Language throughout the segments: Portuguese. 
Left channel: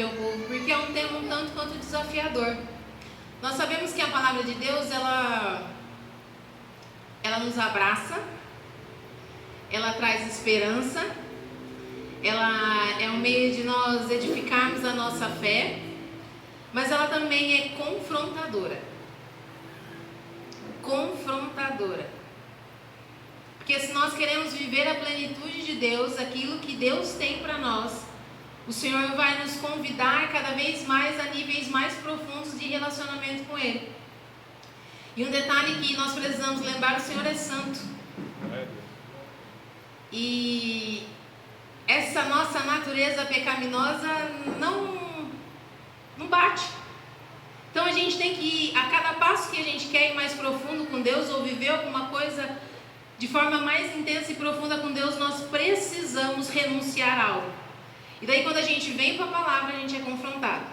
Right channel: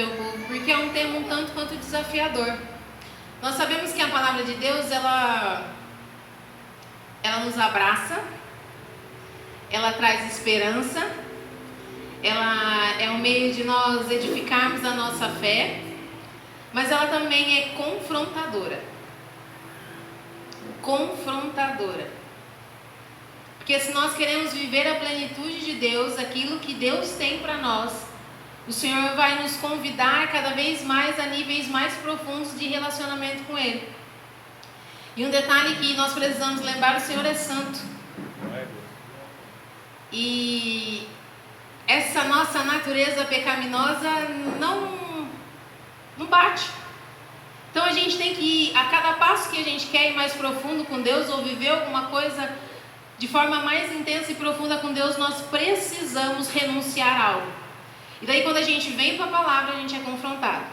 teu povo, porque é um tema um tanto quanto desafiador. Nós sabemos que a palavra de Deus, ela nos abraça, ela traz esperança, ela é um meio de nós edificarmos a nossa fé, mas ela também é confrontadora. Porque se nós queremos viver a plenitude de Deus, aquilo que Deus tem para nós, o Senhor vai nos convidar cada vez mais a níveis mais profundos de relacionamento com Ele. E um detalhe que nós precisamos lembrar: o Senhor é santo. E essa nossa natureza pecaminosa não bate. Então a gente tem que, a cada passo que a gente quer ir mais profundo com Deus, ou viver alguma coisa de forma mais intensa e profunda com Deus, nós precisamos renunciar a algo. E daí quando a gente vem com a palavra, a gente é confrontado.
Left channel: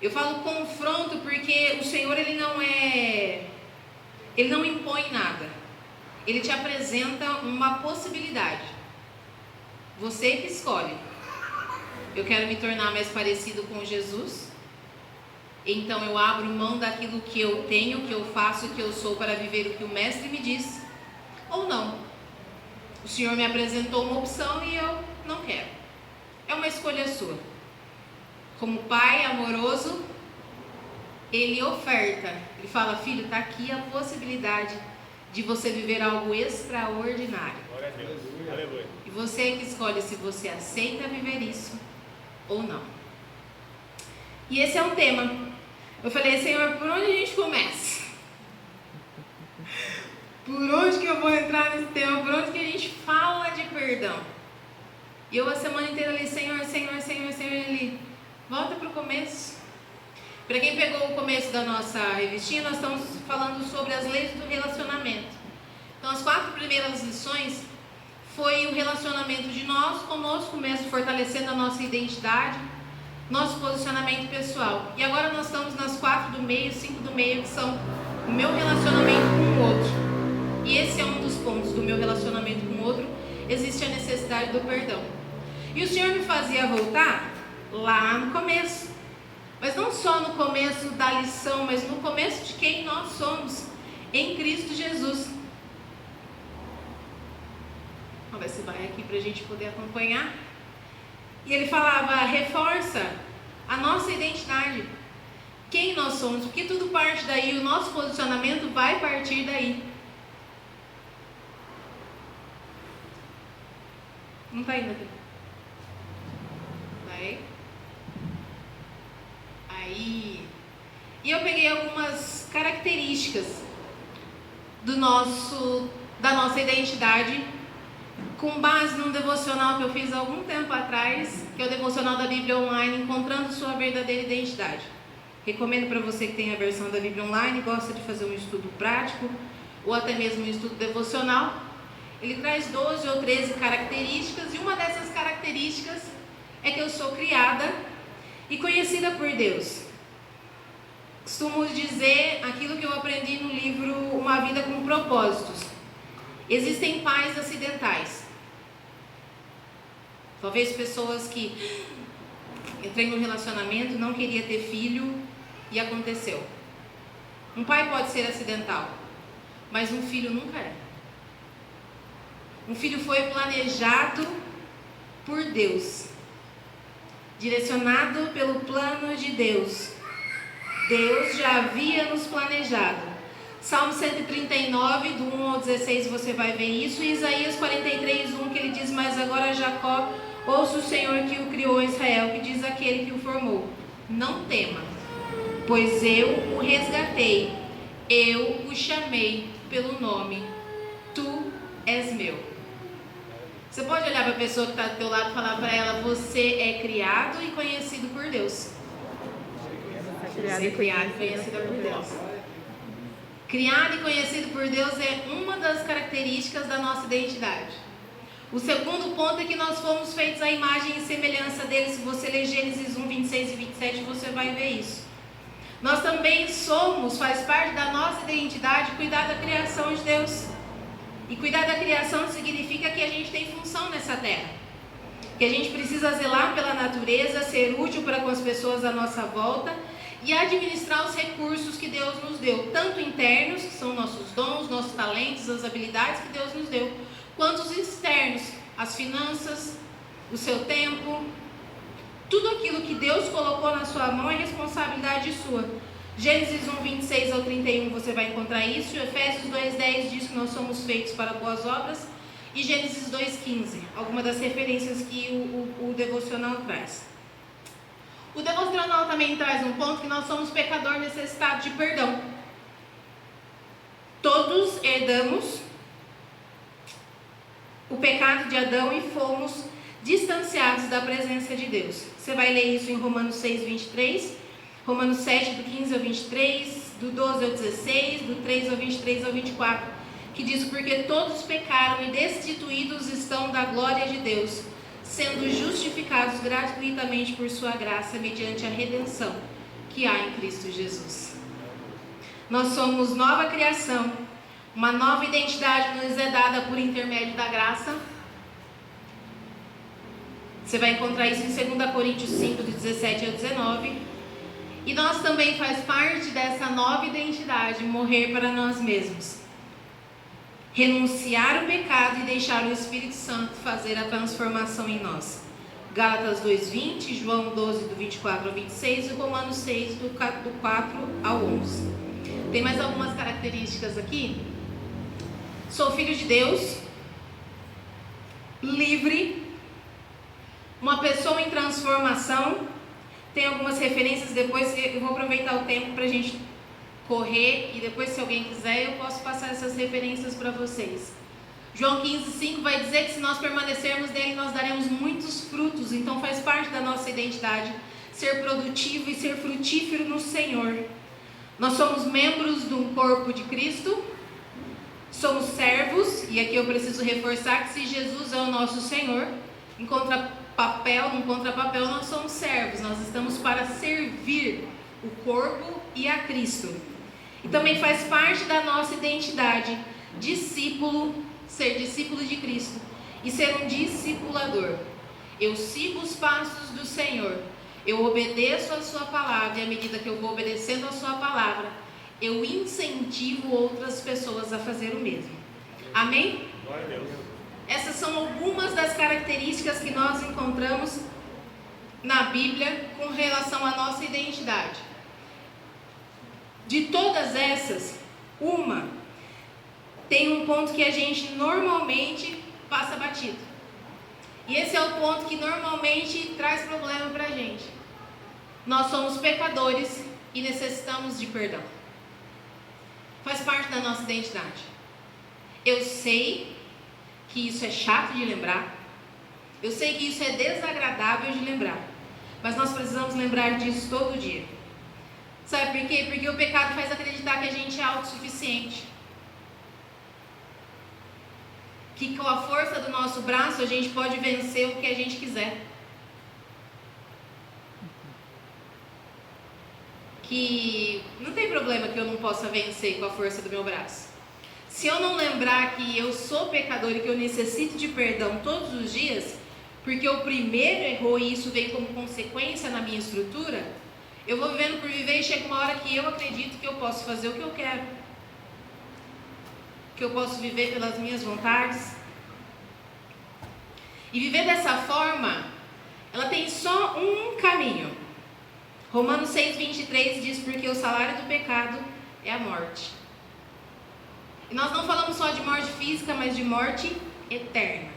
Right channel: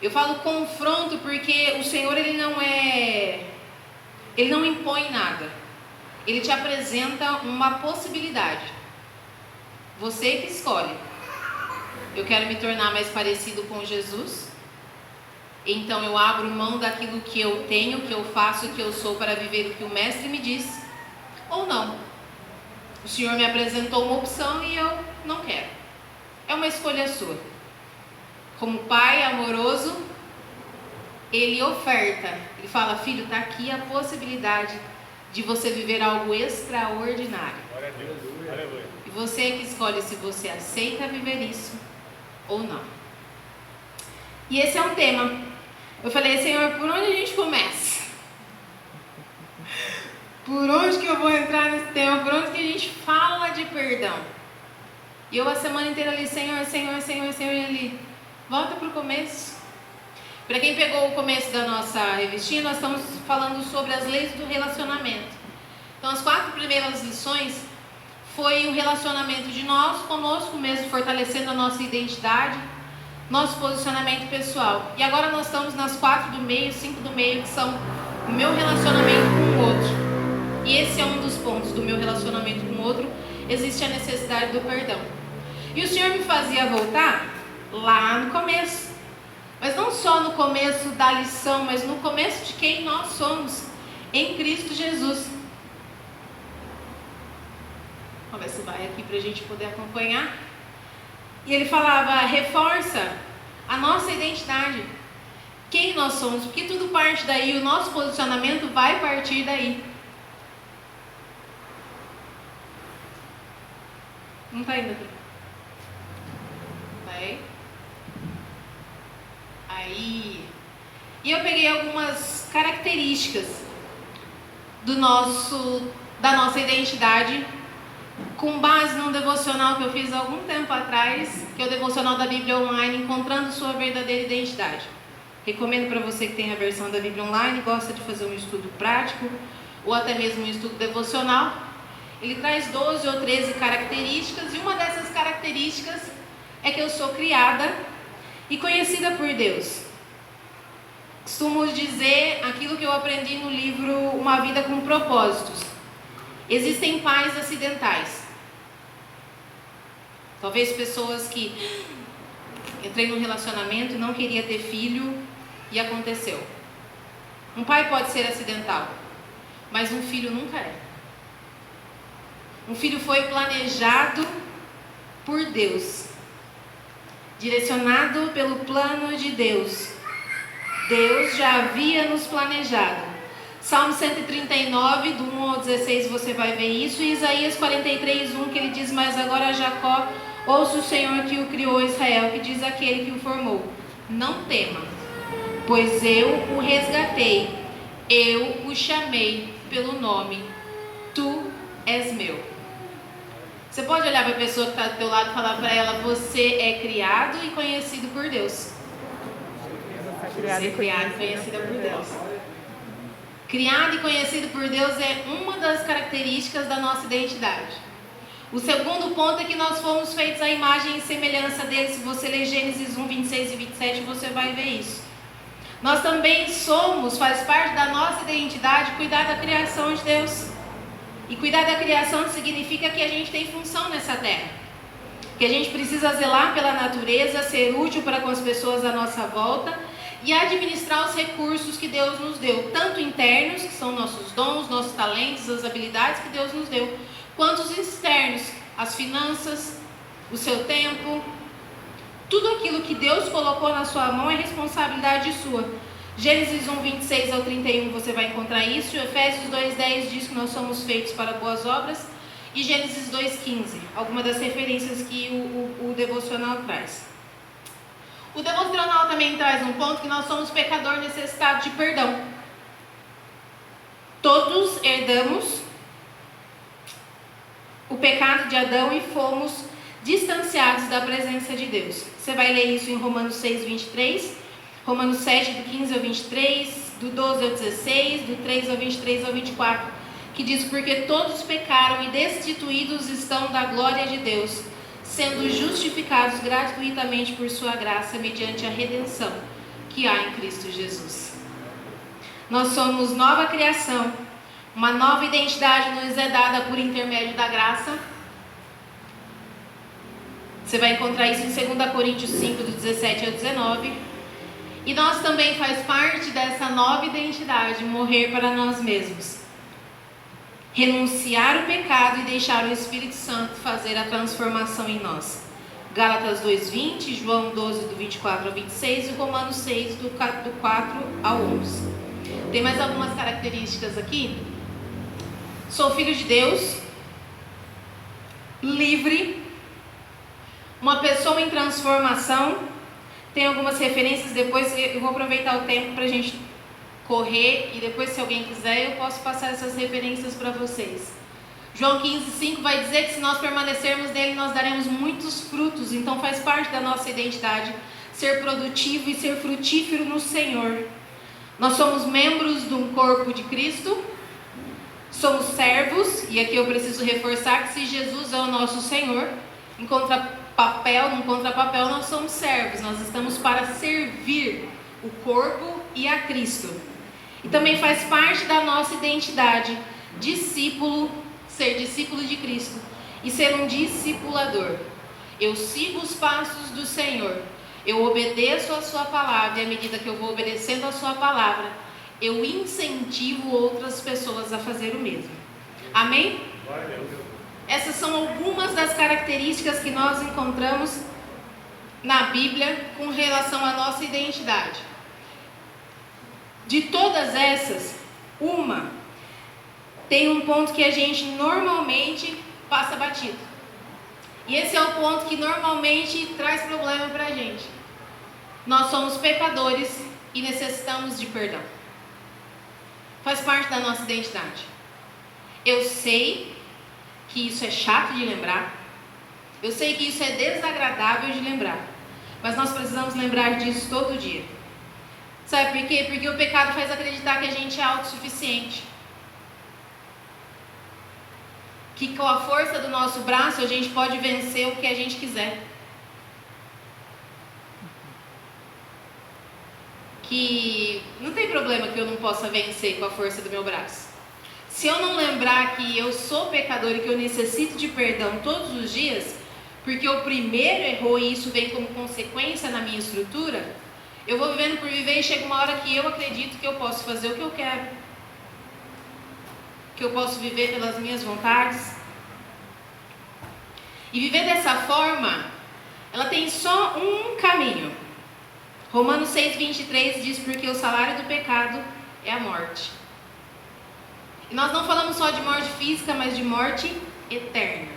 Eu falo confronto porque o Senhor, Ele não impõe nada. Ele te apresenta uma possibilidade. Você que escolhe. Eu quero me tornar mais parecido com Jesus, então eu abro mão daquilo que eu tenho, que eu faço, que eu sou, para viver o que o Mestre me diz, ou não. O Senhor me apresentou uma opção e eu não quero. É uma escolha sua. Como Pai amoroso, Ele oferta, Ele fala: filho, está aqui a possibilidade de você viver algo extraordinário. E você que escolhe se você aceita viver isso ou não. E esse é um tema. Eu falei: Senhor, por onde a gente começa? Por onde que eu vou entrar nesse tema? Por onde que a gente fala de perdão? E eu a semana inteira ali: Senhor, Senhor, Senhor, Senhor. E ele: volta para o começo. Para quem pegou o começo da nossa revistinha, nós estamos falando sobre as leis do relacionamento. Então, as 4 primeiras lições foi o relacionamento de nós conosco mesmo, fortalecendo a nossa identidade, nosso posicionamento pessoal. E agora nós estamos nas 4 do meio, 5 do meio, que são o meu relacionamento com o outro. E esse é um dos pontos do meu relacionamento com o outro. Existe a necessidade do perdão. E o Senhor me fazia voltar lá no começo. Mas não só no começo da lição, mas no começo de quem nós somos em Cristo Jesus. Vamos ver se vai aqui para a gente poder acompanhar. E ele falava: reforça a nossa identidade, quem nós somos, porque tudo parte daí, o nosso posicionamento vai partir daí. Não está indo? Vai. Aí, e eu peguei algumas características da nossa identidade, com base num devocional que eu fiz há algum tempo atrás, que é o devocional da Bíblia Online, Encontrando Sua Verdadeira Identidade. Recomendo para você que tem a versão da Bíblia Online, gosta de fazer um estudo prático, ou até mesmo um estudo devocional. Ele traz 12 ou 13 características, e uma dessas características é que eu sou criada e conhecida por Deus. Costumo dizer aquilo que eu aprendi no livro Uma Vida com Propósitos. Existem pais acidentais. Talvez pessoas que entrei num relacionamento, não queria ter filho e aconteceu. Um pai pode ser acidental, mas um filho nunca é. Um filho foi planejado por Deus, direcionado pelo plano de Deus. Deus já havia nos planejado. Salmo 139, do 1 ao 16, você vai ver isso. E Isaías 43, 1, que ele diz: mas agora Jacó, ouça o Senhor que o criou, Israel, que diz aquele que o formou: não tema, pois eu o resgatei, eu o chamei pelo nome, tu és meu. Você pode olhar para a pessoa que está do teu lado e falar para ela: você é criado e conhecido por Deus. Você é criado e conhecida por Deus. Criado e conhecido por Deus é uma das características da nossa identidade. O segundo ponto é que nós fomos feitos à imagem e semelhança dele. Se você ler Gênesis 1, 26 e 27, você vai ver isso. Nós também somos, faz parte da nossa identidade, cuidar da criação de Deus. E cuidar da criação significa que a gente tem função nessa terra. que a gente precisa zelar pela natureza, ser útil para com as pessoas à nossa volta e administrar os recursos que Deus nos deu, tanto internos, que são nossos dons, nossos talentos, as habilidades que Deus nos deu, quanto os externos, as finanças, o seu tempo. Tudo aquilo que Deus colocou na sua mão é responsabilidade sua. Gênesis 1, 26 ao 31 você vai encontrar isso. Efésios 2,10 diz que nós somos feitos para boas obras. E Gênesis 2,15, alguma das referências que o devocional traz. O devocional também traz um ponto que nós somos pecadores necessitados de perdão. Todos herdamos o pecado de Adão e fomos distanciados da presença de Deus. Você vai ler isso em Romanos 6, 23, Romanos 7, do 15 ao 23, do 12 ao 16, do 3 ao 23 ao 24, que diz: porque todos pecaram e destituídos estão da glória de Deus, sendo justificados gratuitamente por sua graça, mediante a redenção que há em Cristo Jesus. Nós somos nova criação, uma nova identidade nos é dada por intermédio da graça. Você vai encontrar isso em 2 Coríntios 5, do 17 ao 19. E nós também faz parte dessa nova identidade, morrer para nós mesmos. Renunciar o pecado e deixar o Espírito Santo fazer a transformação em nós. Gálatas 2:20, João 12, do 24 ao 26 e Romanos 6, do 4 ao 11. Tem mais algumas características aqui. Sou filho de Deus, livre, uma pessoa em transformação. Tem algumas referências, depois eu vou aproveitar o tempo para a gente correr e depois, se alguém quiser, eu posso passar essas referências para vocês. João 15:5 vai dizer que se nós permanecermos nele, nós daremos muitos frutos. Então faz parte da nossa identidade ser produtivo e ser frutífero no Senhor. Nós somos membros de um corpo de Cristo, somos servos, e aqui eu preciso reforçar que se Jesus é o nosso Senhor, no contrapapel nós somos servos, nós estamos para servir o corpo e a Cristo. E também faz parte da nossa identidade, discípulo, ser discípulo de Cristo e ser um discipulador. Eu sigo os passos do Senhor, eu obedeço a sua palavra, e à medida que eu vou obedecendo a sua palavra, eu incentivo outras pessoas a fazer o mesmo. Amém? Essas são algumas das características que nós encontramos na Bíblia com relação à nossa identidade. De todas essas, uma tem um ponto que a gente normalmente passa batido. E esse é o ponto que normalmente traz problema para a gente. Nós somos pecadores e necessitamos de perdão. Faz parte da nossa identidade. Eu sei que isso é chato de lembrar. Eu sei que isso é desagradável de lembrar. Mas nós precisamos lembrar disso todo dia. Sabe por quê? Porque o pecado faz acreditar que a gente é autossuficiente. Que com a força do nosso braço a gente pode vencer o que a gente quiser. Que não tem problema que eu não possa vencer com a força do meu braço. Se eu não lembrar que eu sou pecador e que eu necessito de perdão todos os dias, porque o primeiro errou e isso vem como consequência na minha estrutura, eu vou vivendo por viver e chega uma hora que eu acredito que eu posso fazer o que eu quero, que eu posso viver pelas minhas vontades. E viver dessa forma, ela tem só um caminho. Romanos 6:23 diz: porque o salário do pecado é a morte. E nós não falamos só de morte física, mas de morte eterna.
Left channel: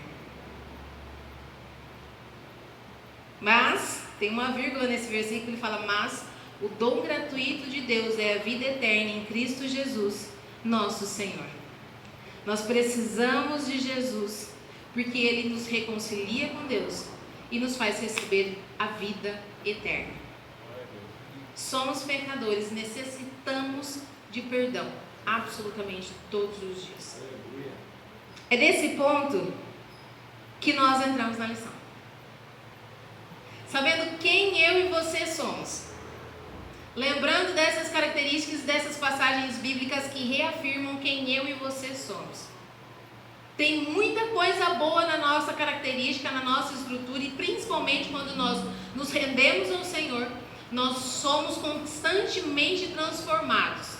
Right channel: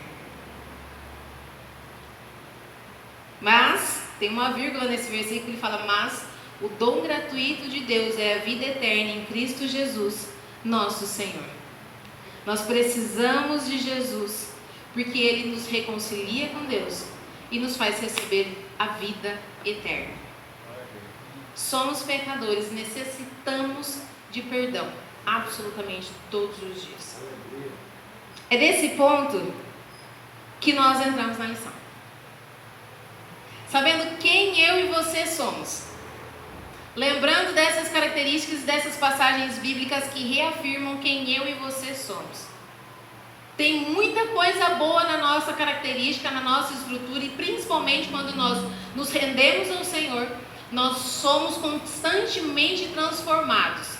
Mas, tem uma vírgula nesse versículo que fala: mas o dom gratuito de Deus é a vida eterna em Cristo Jesus, nosso Senhor. Nós precisamos de Jesus, porque Ele nos reconcilia com Deus e nos faz receber a vida eterna. Somos pecadores, necessitamos de perdão, absolutamente todos os dias. É desse ponto que nós entramos na lição. Sabendo quem eu e você somos, lembrando dessas características, dessas passagens bíblicas que reafirmam quem eu e você somos. Tem muita coisa boa na nossa característica, na nossa estrutura, e principalmente quando nós nos rendemos ao Senhor, nós somos constantemente transformados.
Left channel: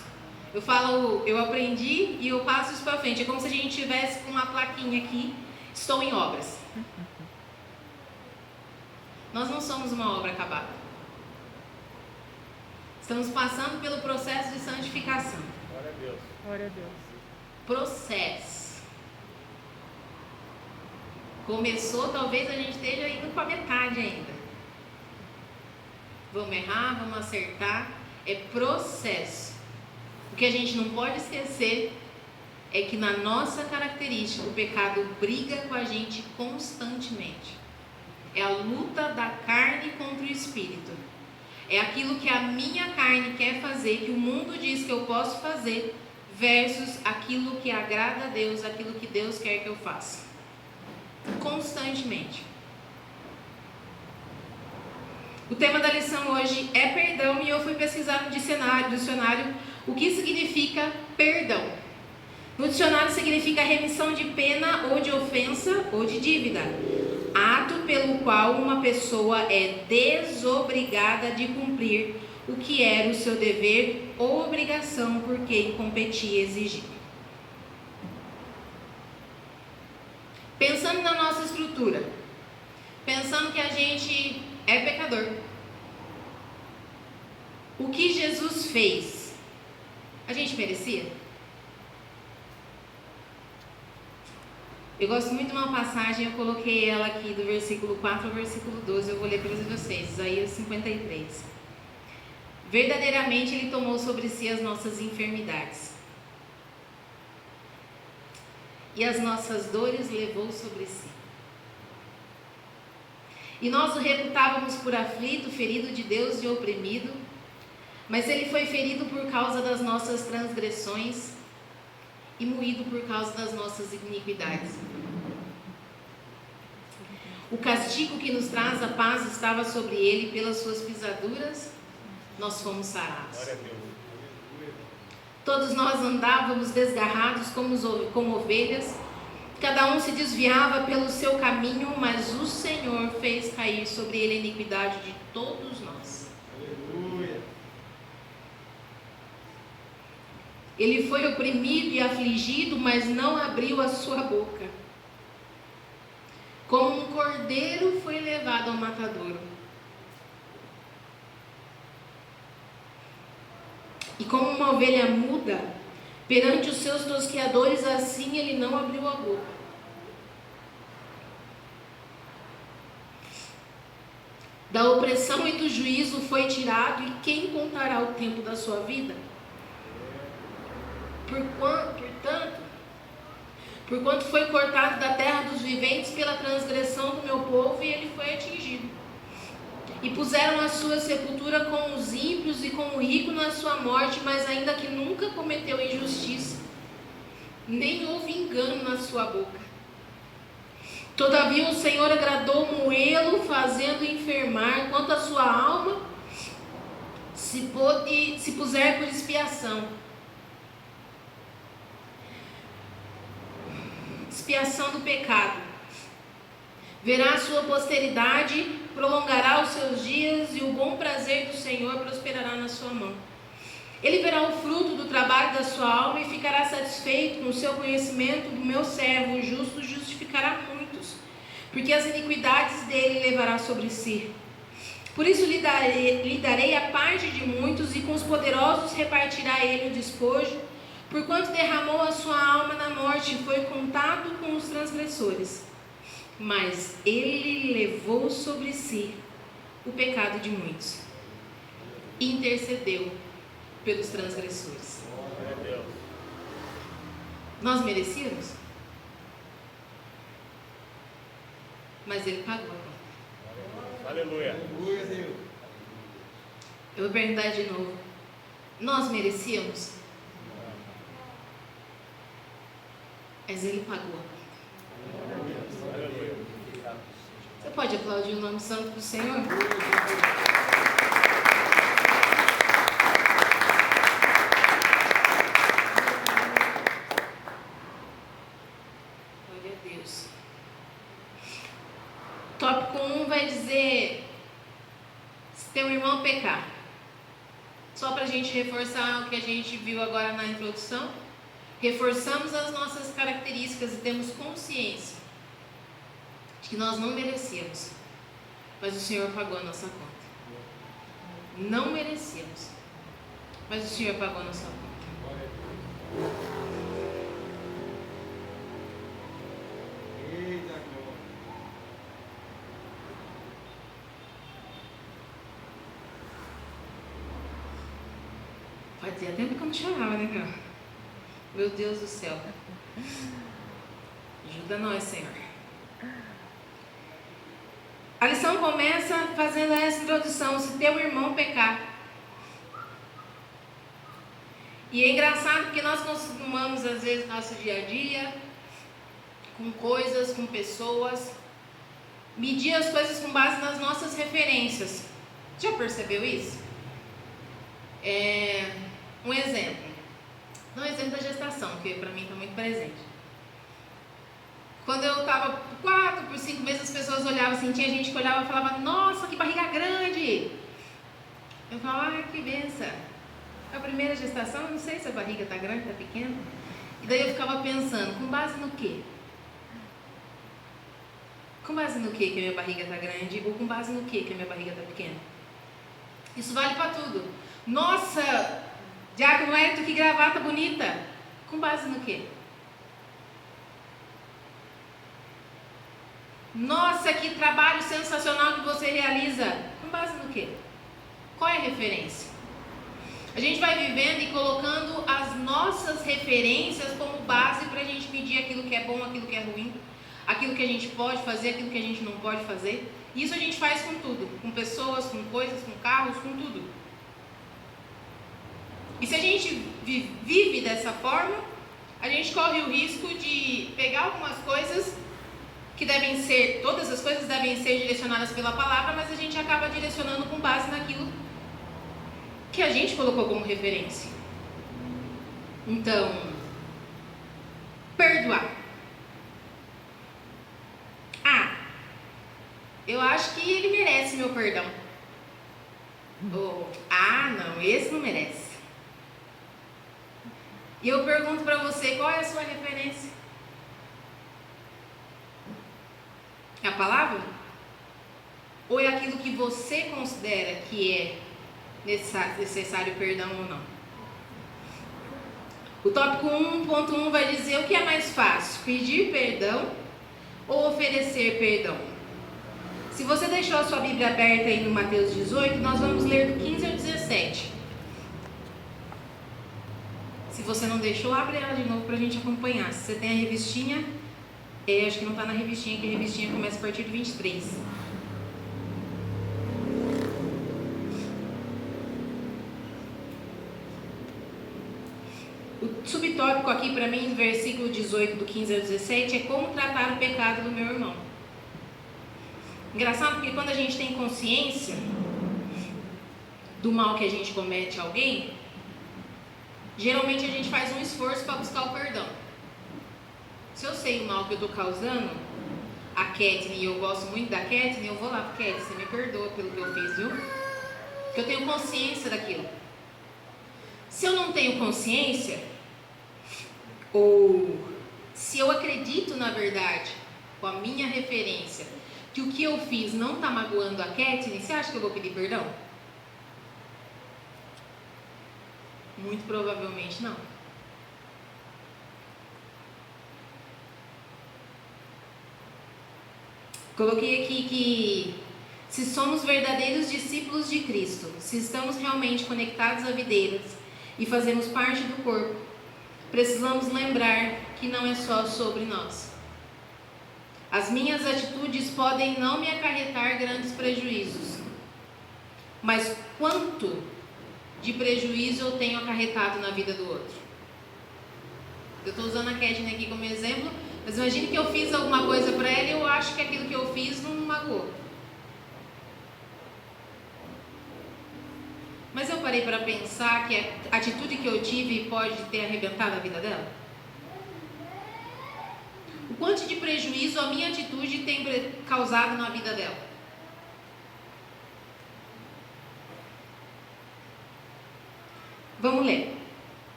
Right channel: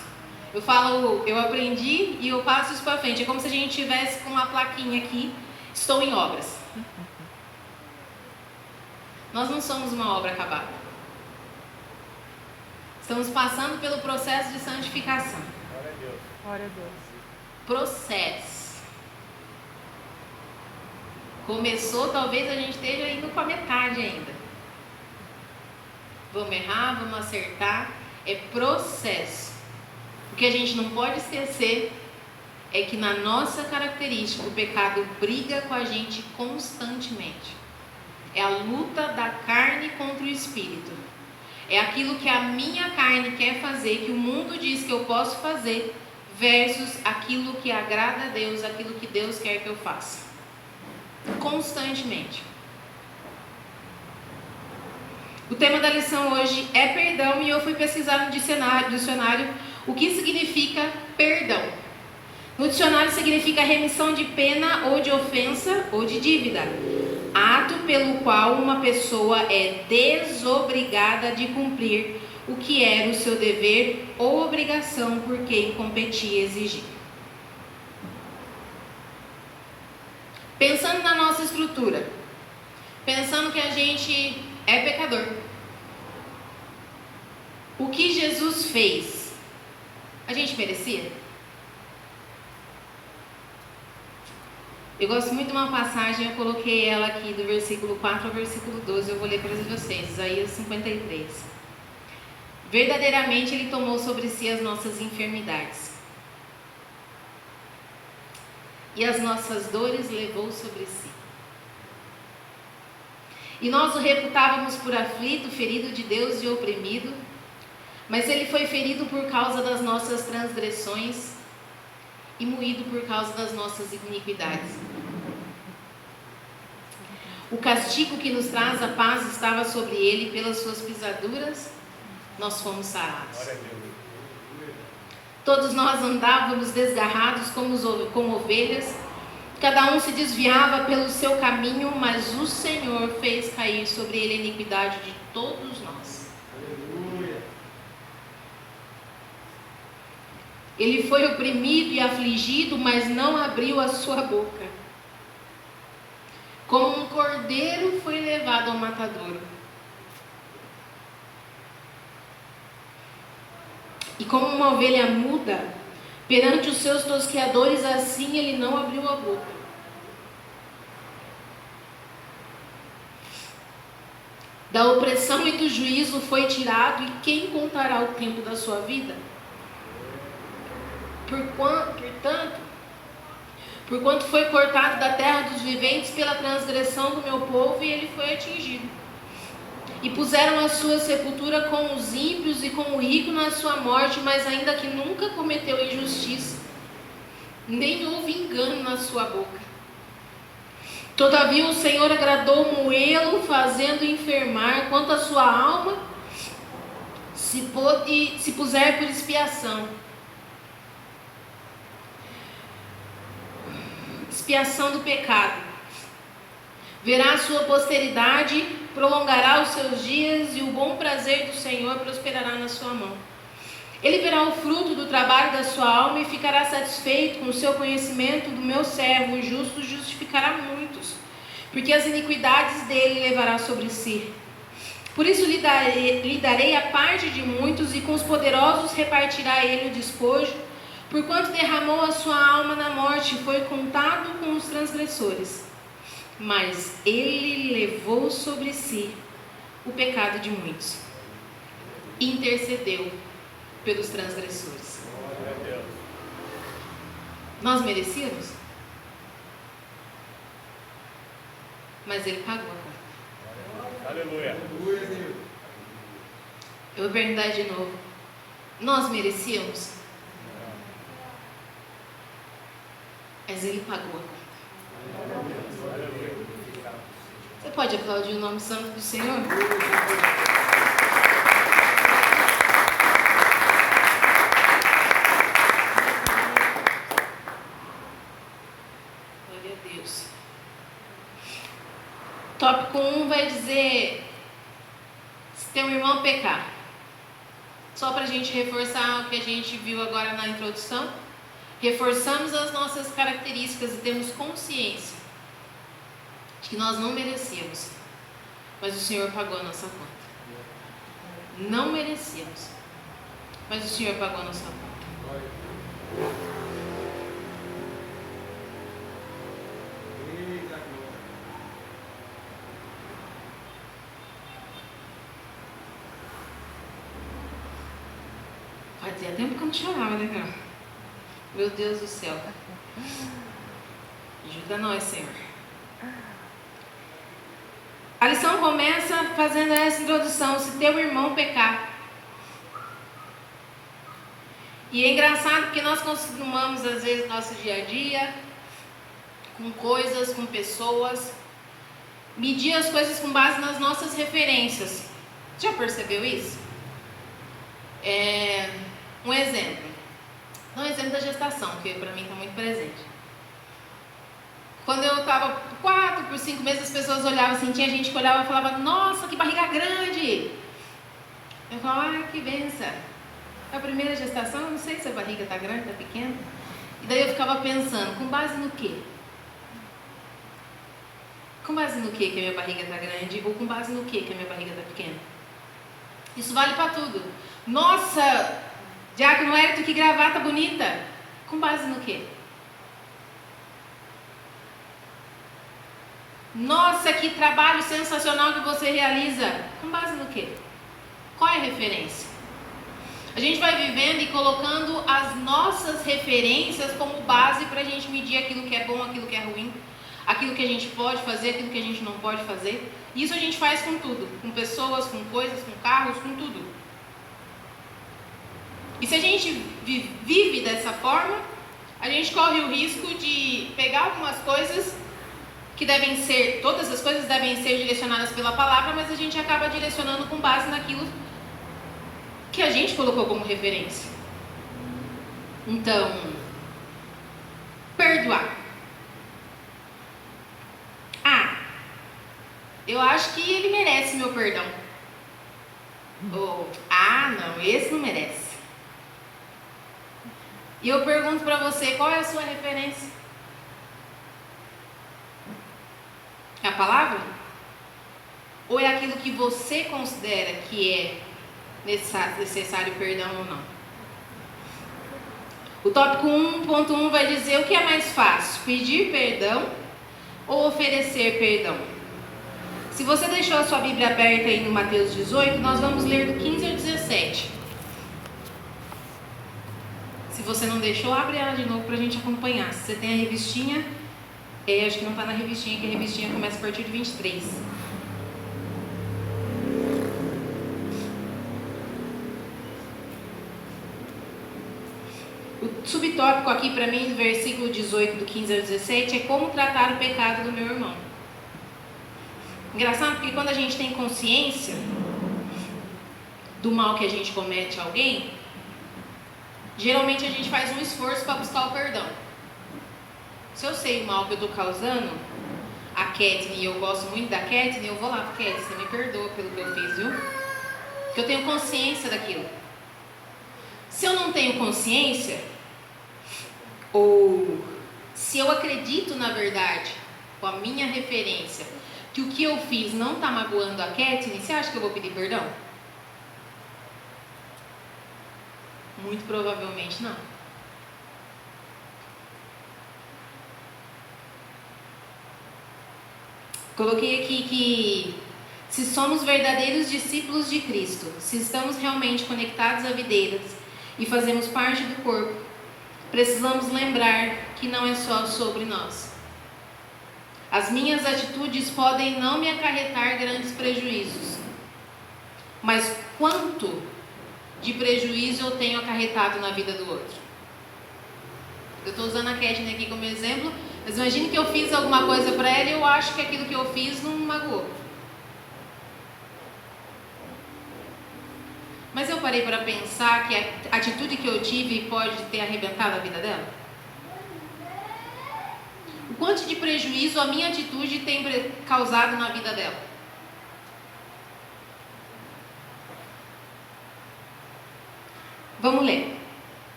Eu aprendi e eu passo isso para frente. É como se a gente tivesse com uma plaquinha aqui, estou em obras. Nós não somos uma obra acabada. Estamos passando pelo processo de santificação. Glória a Deus. Glória a Deus. Processo. Começou, talvez a gente esteja indo com a metade ainda. Vamos errar, vamos acertar. É processo. O que a gente não pode esquecer é que na nossa característica o pecado briga com a gente constantemente. É a luta da carne contra o espírito. É aquilo que a minha carne quer fazer, que o mundo diz que eu posso fazer, versus aquilo que agrada a Deus, aquilo que Deus quer que eu faça. Constantemente. O tema da lição hoje é perdão, e eu fui pesquisar no dicionário o que significa perdão. No dicionário significa remissão de pena ou de ofensa ou de dívida, ato pelo qual uma pessoa é desobrigada de cumprir o que era o seu dever ou obrigação por quem competia exigir. Pensando na nossa estrutura, pensando que a gente é pecador, o que Jesus fez, a gente merecia? Eu gosto muito de uma passagem, eu coloquei ela aqui do versículo 4 ao versículo 12, eu vou ler para vocês, Isaías 53. Verdadeiramente Ele tomou sobre si as nossas enfermidades, e as nossas dores levou sobre si. E nós o reputávamos por aflito, ferido de Deus e oprimido, mas Ele foi ferido por causa das nossas transgressões e moído por causa das nossas iniquidades. O castigo que nos traz a paz estava sobre Ele, pelas suas pisaduras nós fomos sarados. Todos nós andávamos desgarrados como ovelhas, cada um se desviava pelo seu caminho, mas o Senhor fez cair sobre ele a iniquidade de todos nós. Aleluia. Ele foi oprimido e afligido, mas não abriu a sua boca. Como um cordeiro foi levado ao matadouro, e como uma ovelha muda perante os seus tosqueadores, assim ele não abriu a boca. Da opressão e do juízo foi tirado, e quem contará o tempo da sua vida? Porquanto foi cortado da terra dos viventes pela transgressão do meu povo, e ele foi atingido. E puseram a sua sepultura com os ímpios e com o rico na sua morte, mas ainda que nunca cometeu injustiça, nem houve engano na sua boca. Todavia o Senhor agradou moê-lo, fazendo enfermar, quanto a sua alma se puser por expiação. Expiação do pecado. Verá a sua posteridade, prolongará os seus dias, e o bom prazer do Senhor prosperará na sua mão. Ele verá o fruto do trabalho da sua alma e ficará satisfeito com o seu conhecimento. Do meu servo, o justo, justificará muitos, porque as iniquidades dele levará sobre si. Por isso lhe darei a parte de muitos, e com os poderosos repartirá ele o despojo, porquanto derramou a sua alma na morte e foi contado com os transgressores. Mas ele levou sobre si o pecado de muitos e intercedeu pelos transgressores. Nós merecíamos? Mas ele pagou. Aleluia. Eu vou perguntar de novo. Nós merecíamos? Mas ele pagou. Você pode aplaudir o nome santo do Senhor? teu irmão pecar. Só para a gente reforçar o que a gente viu agora na introdução, reforçamos as nossas características e temos consciência de que nós não merecíamos, mas o Senhor pagou a nossa conta. Não merecíamos, mas o Senhor pagou a nossa conta. Fazia tempo que eu não chorava, né, cara? Meu Deus do céu. Ajuda nós, Senhor. A lição começa fazendo essa introdução: se teu irmão pecar. E é engraçado porque nós costumamos, às vezes, no nosso dia a dia, com coisas, com pessoas, medir as coisas com base nas nossas referências. Já percebeu isso? Um exemplo. Um exemplo da gestação, que para mim está muito presente. Quando eu estava 4 por 5 meses, as pessoas olhavam assim, tinha gente que olhava e falava: nossa, que barriga grande! Eu falava: ai, que benção! A primeira gestação, eu não sei se a barriga está grande, está pequena. E daí eu ficava pensando, com base no quê? Com base no quê que a minha barriga está grande? Ou com base no quê que a minha barriga está pequena? Isso vale para tudo. Nossa, Diácono Hélito, que gravata bonita! Com base no quê? Nossa, que trabalho sensacional que você realiza! Com base no quê? Qual é a referência? A gente vai vivendo e colocando as nossas referências como base para a gente medir aquilo que é bom, aquilo que é ruim, aquilo que a gente pode fazer, aquilo que a gente não pode fazer. Isso a gente faz com tudo, com pessoas, com coisas, com carros, com tudo. E se a gente vive dessa forma, a gente corre o risco de pegar algumas coisas que devem ser, todas as coisas devem ser direcionadas pela palavra, mas a gente acaba direcionando com base naquilo que a gente colocou como referência. Então, perdoar. Eu acho que ele merece meu perdão. Ou, não, esse não merece. E eu pergunto para você, qual é a sua referência? É a palavra? Ou é aquilo que você considera que é necessário perdão ou não? O tópico 1.1 vai dizer o que é mais fácil, pedir perdão ou oferecer perdão. Se você deixou a sua Bíblia aberta aí no Mateus 18, nós vamos ler do 15 ao 17. Se você não deixou, abre ela de novo para a gente acompanhar. Se você tem a revistinha, acho que não está na revistinha, que a revistinha começa a partir de 23. O subtópico aqui para mim, versículo 18, do 15 ao 17, é como tratar o pecado do meu irmão. Engraçado porque quando a gente tem consciência do mal que a gente comete a alguém, geralmente a gente faz um esforço para buscar o perdão. Se eu sei o mal que eu estou causando, a Kathleen, e eu gosto muito da Kathleen, eu vou lá, Kathleen, você me perdoa pelo que eu fiz, viu? Porque eu tenho consciência daquilo. Se eu não tenho consciência, ou se eu acredito na verdade, com a minha referência, que o que eu fiz não está magoando a Kathleen, você acha que eu vou pedir perdão? Muito provavelmente não. Coloquei aqui que se somos verdadeiros discípulos de Cristo, se estamos realmente conectados à videira e fazemos parte do corpo, precisamos lembrar que não é só sobre nós. As minhas atitudes podem não me acarretar grandes prejuízos, mas quanto de prejuízo eu tenho acarretado na vida do outro? Eu estou usando a Kathleen aqui como exemplo, mas imagine que eu fiz alguma coisa para ela e eu acho que aquilo que eu fiz não magoou. Mas eu parei para pensar que a atitude que eu tive pode ter arrebentado a vida dela? O quanto de prejuízo a minha atitude tem causado na vida dela? Vamos ler.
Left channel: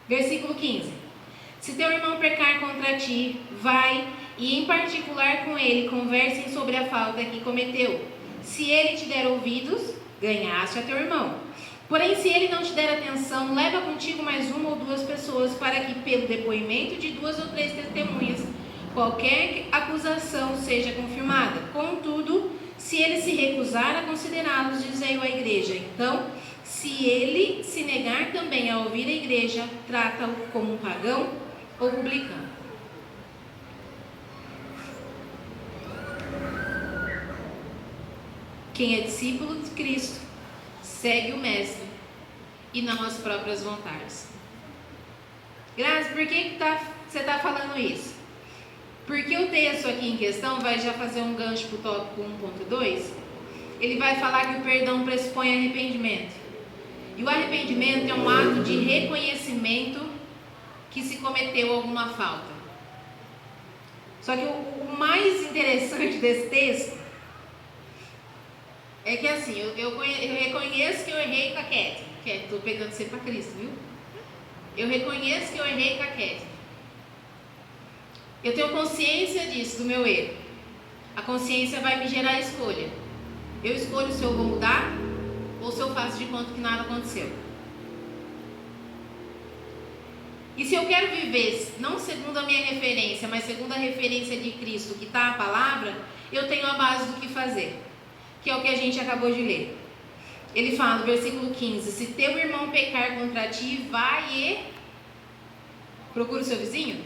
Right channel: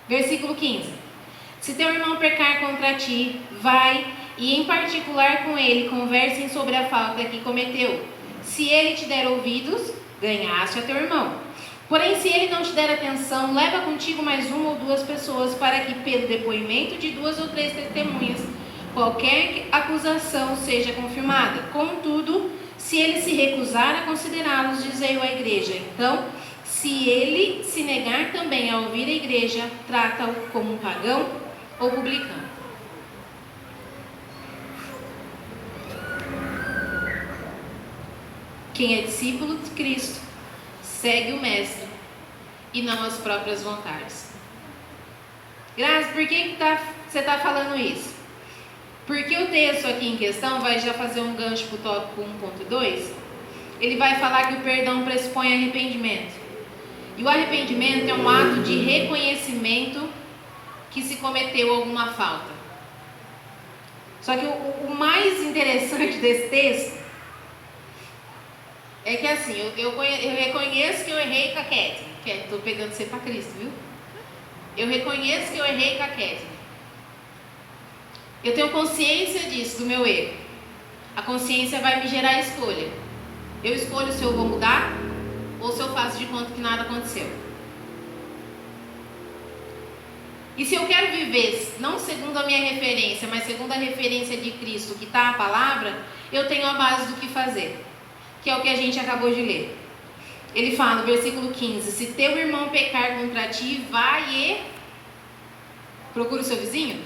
Versículo 15. Se teu irmão pecar contra ti, vai e em particular com ele conversem sobre a falta que cometeu. Se ele te der ouvidos, ganhaste a teu irmão. Porém, se ele não te der atenção, leva contigo mais uma ou duas pessoas, para que pelo depoimento de 2 ou 3 testemunhas, qualquer acusação seja confirmada. Contudo, se ele se recusar a considerá-los, dizei-o à igreja. Então, se ele se negar também a ouvir a igreja, trata-o como um pagão ou publicano. Quem é discípulo de Cristo segue o Mestre e não as próprias vontades. Graças, por que você está falando isso? Porque o texto aqui em questão vai já fazer um gancho para o tópico 1.2. Ele vai falar que o perdão pressupõe arrependimento. E o arrependimento é um ato de reconhecimento que se cometeu alguma falta. Só que o mais interessante desse texto é que assim, eu reconheço que eu errei com a Kétia. Estou pegando você para Cristo, viu? Eu reconheço que eu errei com a Kétia. Eu tenho consciência disso, do meu erro. A consciência vai me gerar escolha. Eu escolho se eu vou mudar ou se eu faço de conta que nada aconteceu. E se eu quero viver, não segundo a minha referência, mas segundo a referência de Cristo, que está a palavra, eu tenho a base do que fazer, que é o que a gente acabou de ler. Ele fala no versículo 15: se teu irmão pecar contra ti, vai e procura o seu vizinho.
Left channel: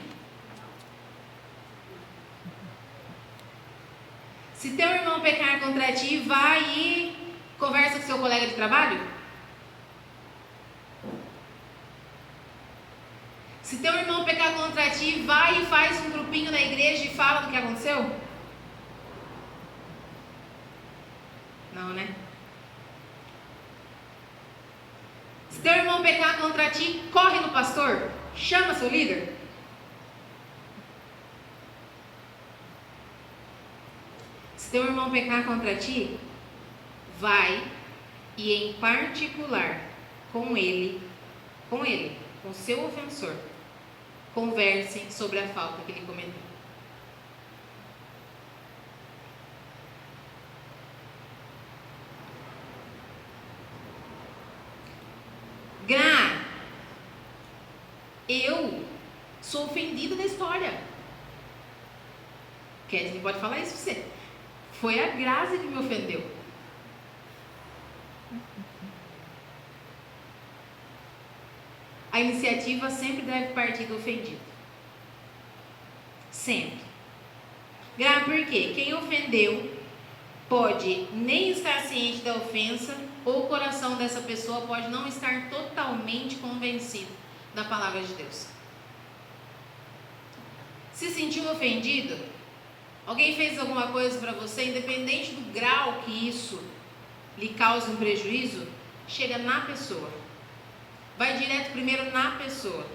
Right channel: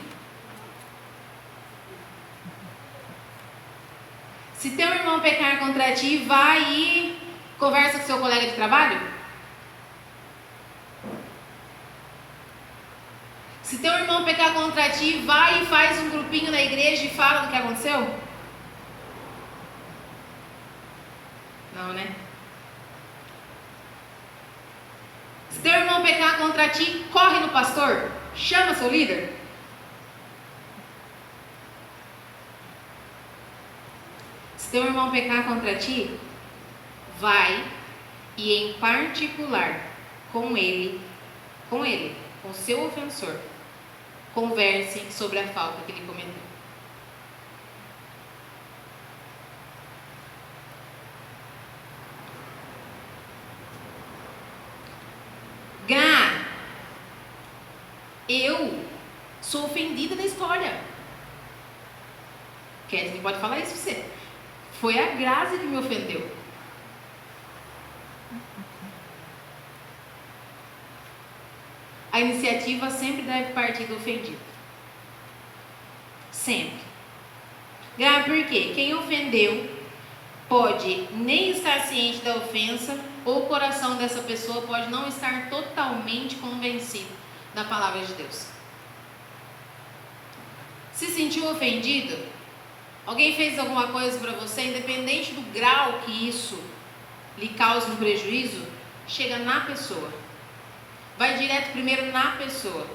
Se teu irmão pecar contra ti, vai e conversa com seu colega de trabalho. Se teu irmão pecar contra ti, vai e faz um grupinho na igreja e fala do que aconteceu. Não, né? Se teu irmão pecar contra ti, corre no pastor, chama seu líder. Se teu irmão pecar contra ti, vai e em particular com ele, com seu ofensor, conversem sobre a falta que ele cometeu. Gra, eu sou ofendida da história. Kézia pode falar isso pra você. Foi a Grazi que me ofendeu. A iniciativa sempre deve partir do ofendido. Sempre. Gra, por quê? Quem ofendeu pode nem estar ciente da ofensa, ou o coração dessa pessoa pode não estar totalmente convencido da palavra de Deus. Se sentiu ofendido, alguém fez alguma coisa para você, independente do grau que isso lhe causa um prejuízo, chega na pessoa. Vai direto primeiro na pessoa.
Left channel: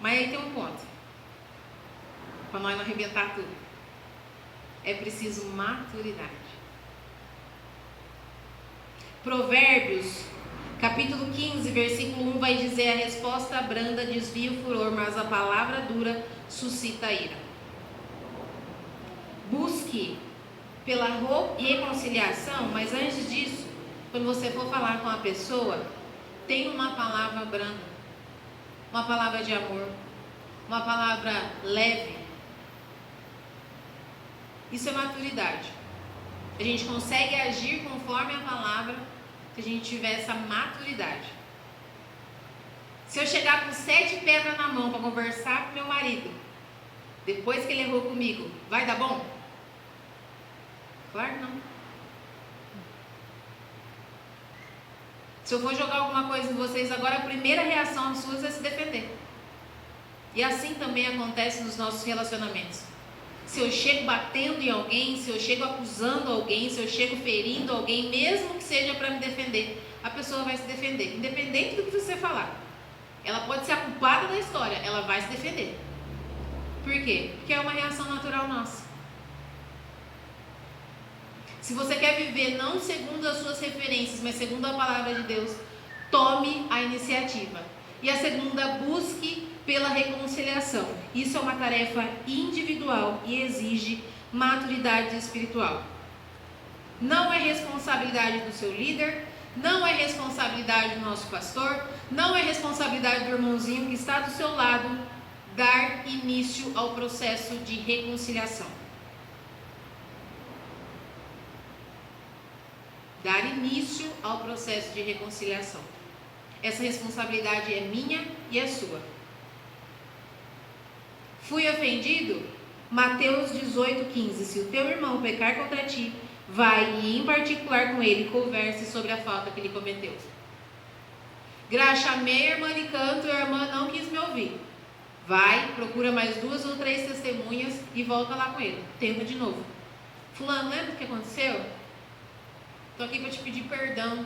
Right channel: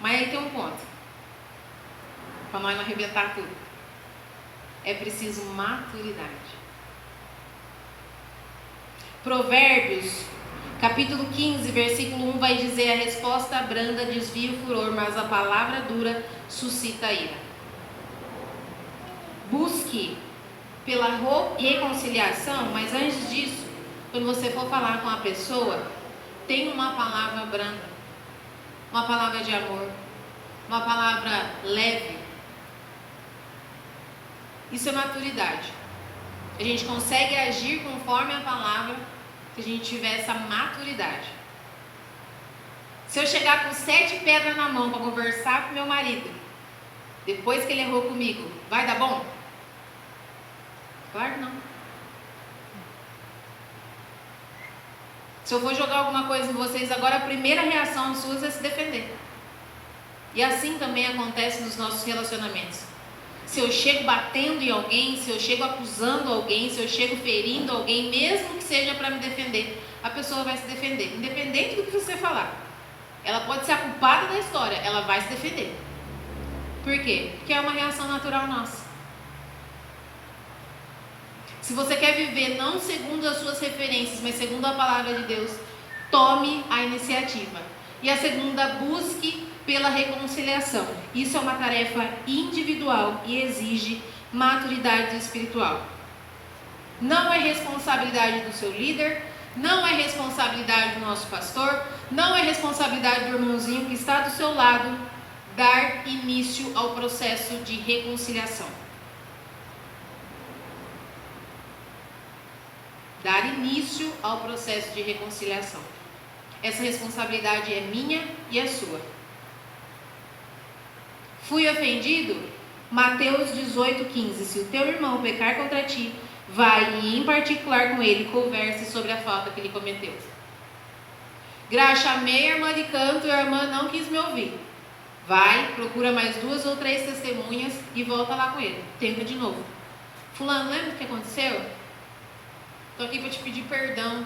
Mas aí tem um ponto, para nós não arrebentar tudo. É preciso maturidade. Provérbios, capítulo 15, versículo 1 vai dizer: a resposta branda desvia o furor, mas a palavra dura suscita a ira. Busque pela reconciliação, mas antes disso, quando você for falar com a pessoa, tenha uma palavra branda, uma palavra de amor, uma palavra leve. Isso é maturidade. A gente consegue agir conforme a palavra se a gente tiver essa maturidade. Se eu chegar com 7 pedras na mão para conversar com meu marido, depois que ele errou comigo, vai dar bom? Claro não. Se eu for jogar alguma coisa em vocês agora, a primeira reação sua é se defender. E assim também acontece nos nossos relacionamentos. Se eu chego batendo em alguém, se eu chego acusando alguém, se eu chego ferindo alguém, mesmo que seja para me defender, a pessoa vai se defender, independente do que você falar. Ela pode ser a culpada da história, ela vai se defender. Por quê? Porque é uma reação natural nossa. Se você quer viver não segundo as suas referências, mas segundo a palavra de Deus, tome a iniciativa. E a segunda, busque pela reconciliação. Isso é uma tarefa individual e exige maturidade espiritual. Não é responsabilidade do seu líder, não é responsabilidade do nosso pastor, não é responsabilidade do irmãozinho que está do seu lado dar início ao processo de reconciliação. Dar início ao processo de reconciliação. Essa responsabilidade é minha e é sua. Fui ofendido? Mateus 18:15. Se o teu irmão pecar contra ti, vai e em particular com ele converse sobre a falta que ele cometeu. Chamei a irmã de canto e a irmã não quis me ouvir. Vai, procura mais 2 ou 3 testemunhas e volta lá com ele. Tenta de novo. Fulano, lembra o que aconteceu? Estou aqui para te pedir perdão,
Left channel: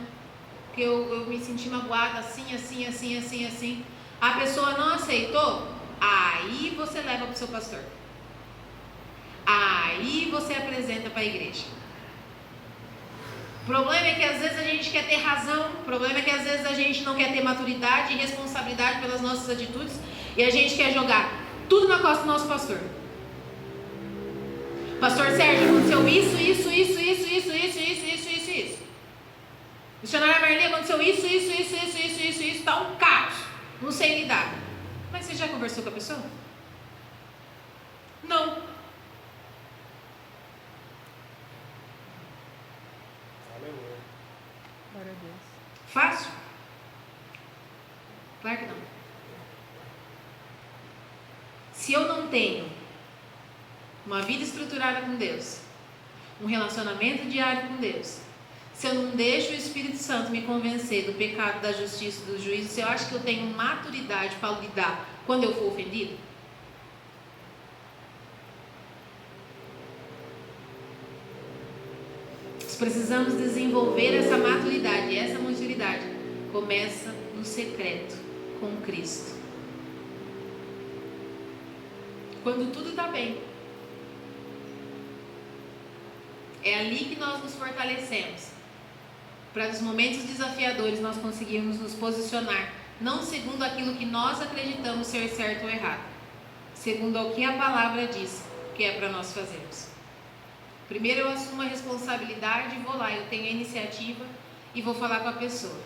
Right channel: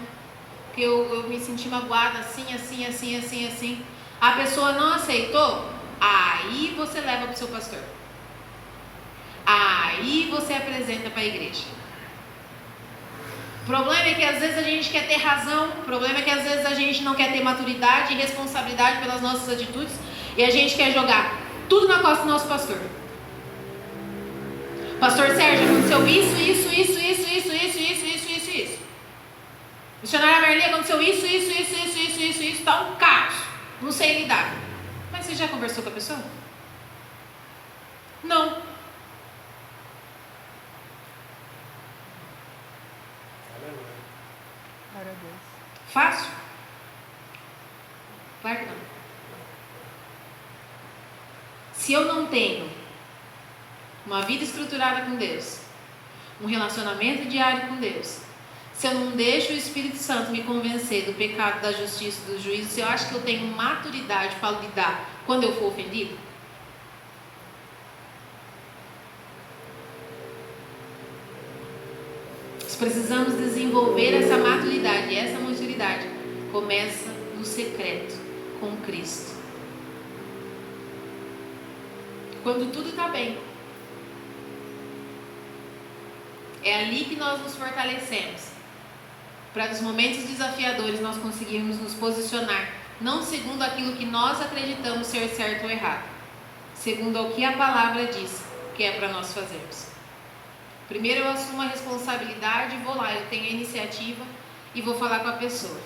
porque eu me senti magoada assim. A pessoa não aceitou? Aí você leva para o seu pastor. Aí você apresenta para a igreja. O problema é que às vezes a gente quer ter razão, o problema é que às vezes a gente não quer ter maturidade e responsabilidade pelas nossas atitudes e a gente quer jogar tudo na costa do nosso pastor. Pastor Sérgio, aconteceu isso. Missionária Marli, aconteceu isso, está um caos, não sei lidar. Mas você já conversou com a pessoa? Não. Glória a Deus. Fácil? Claro que não. Se eu não tenho uma vida estruturada com Deus, um relacionamento diário com Deus, se eu não deixo o Espírito Santo me convencer do pecado, da justiça, do juízo, se eu acho que eu tenho maturidade para lidar quando eu for ofendido, nós precisamos desenvolver essa maturidade. E essa maturidade começa no secreto, com Cristo. Quando tudo está bem, é ali que nós nos fortalecemos. Para nos momentos desafiadores nós conseguirmos nos posicionar, não segundo aquilo que nós acreditamos ser certo ou errado, segundo o que a palavra diz que é para nós fazermos. Primeiro eu assumo a responsabilidade, vou lá, eu tenho a iniciativa e vou falar com a pessoa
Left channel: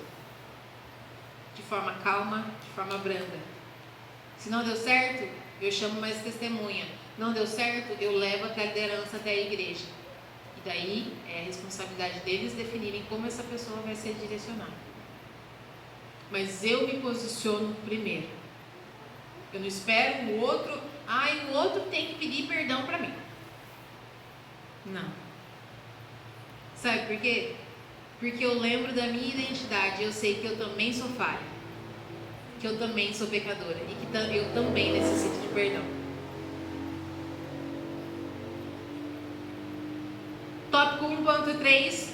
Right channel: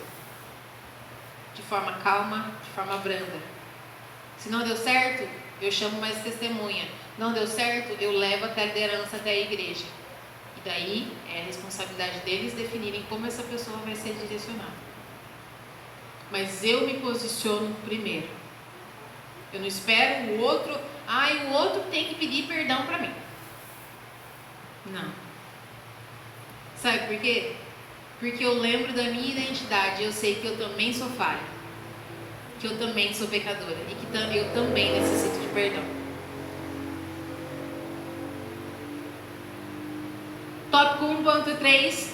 de forma calma, de forma branda. Se não deu certo, eu chamo mais testemunha. Não deu certo, eu levo até a liderança, até a igreja. E daí é a responsabilidade deles definirem como essa pessoa vai ser direcionada. Mas eu me posiciono primeiro. Eu não espero o outro, o outro tem que pedir perdão para mim. Não. Sabe por quê? Porque eu lembro da minha identidade, eu sei que eu também sou falha, que eu também sou pecadora e que eu também necessito de perdão. Tópico 1.3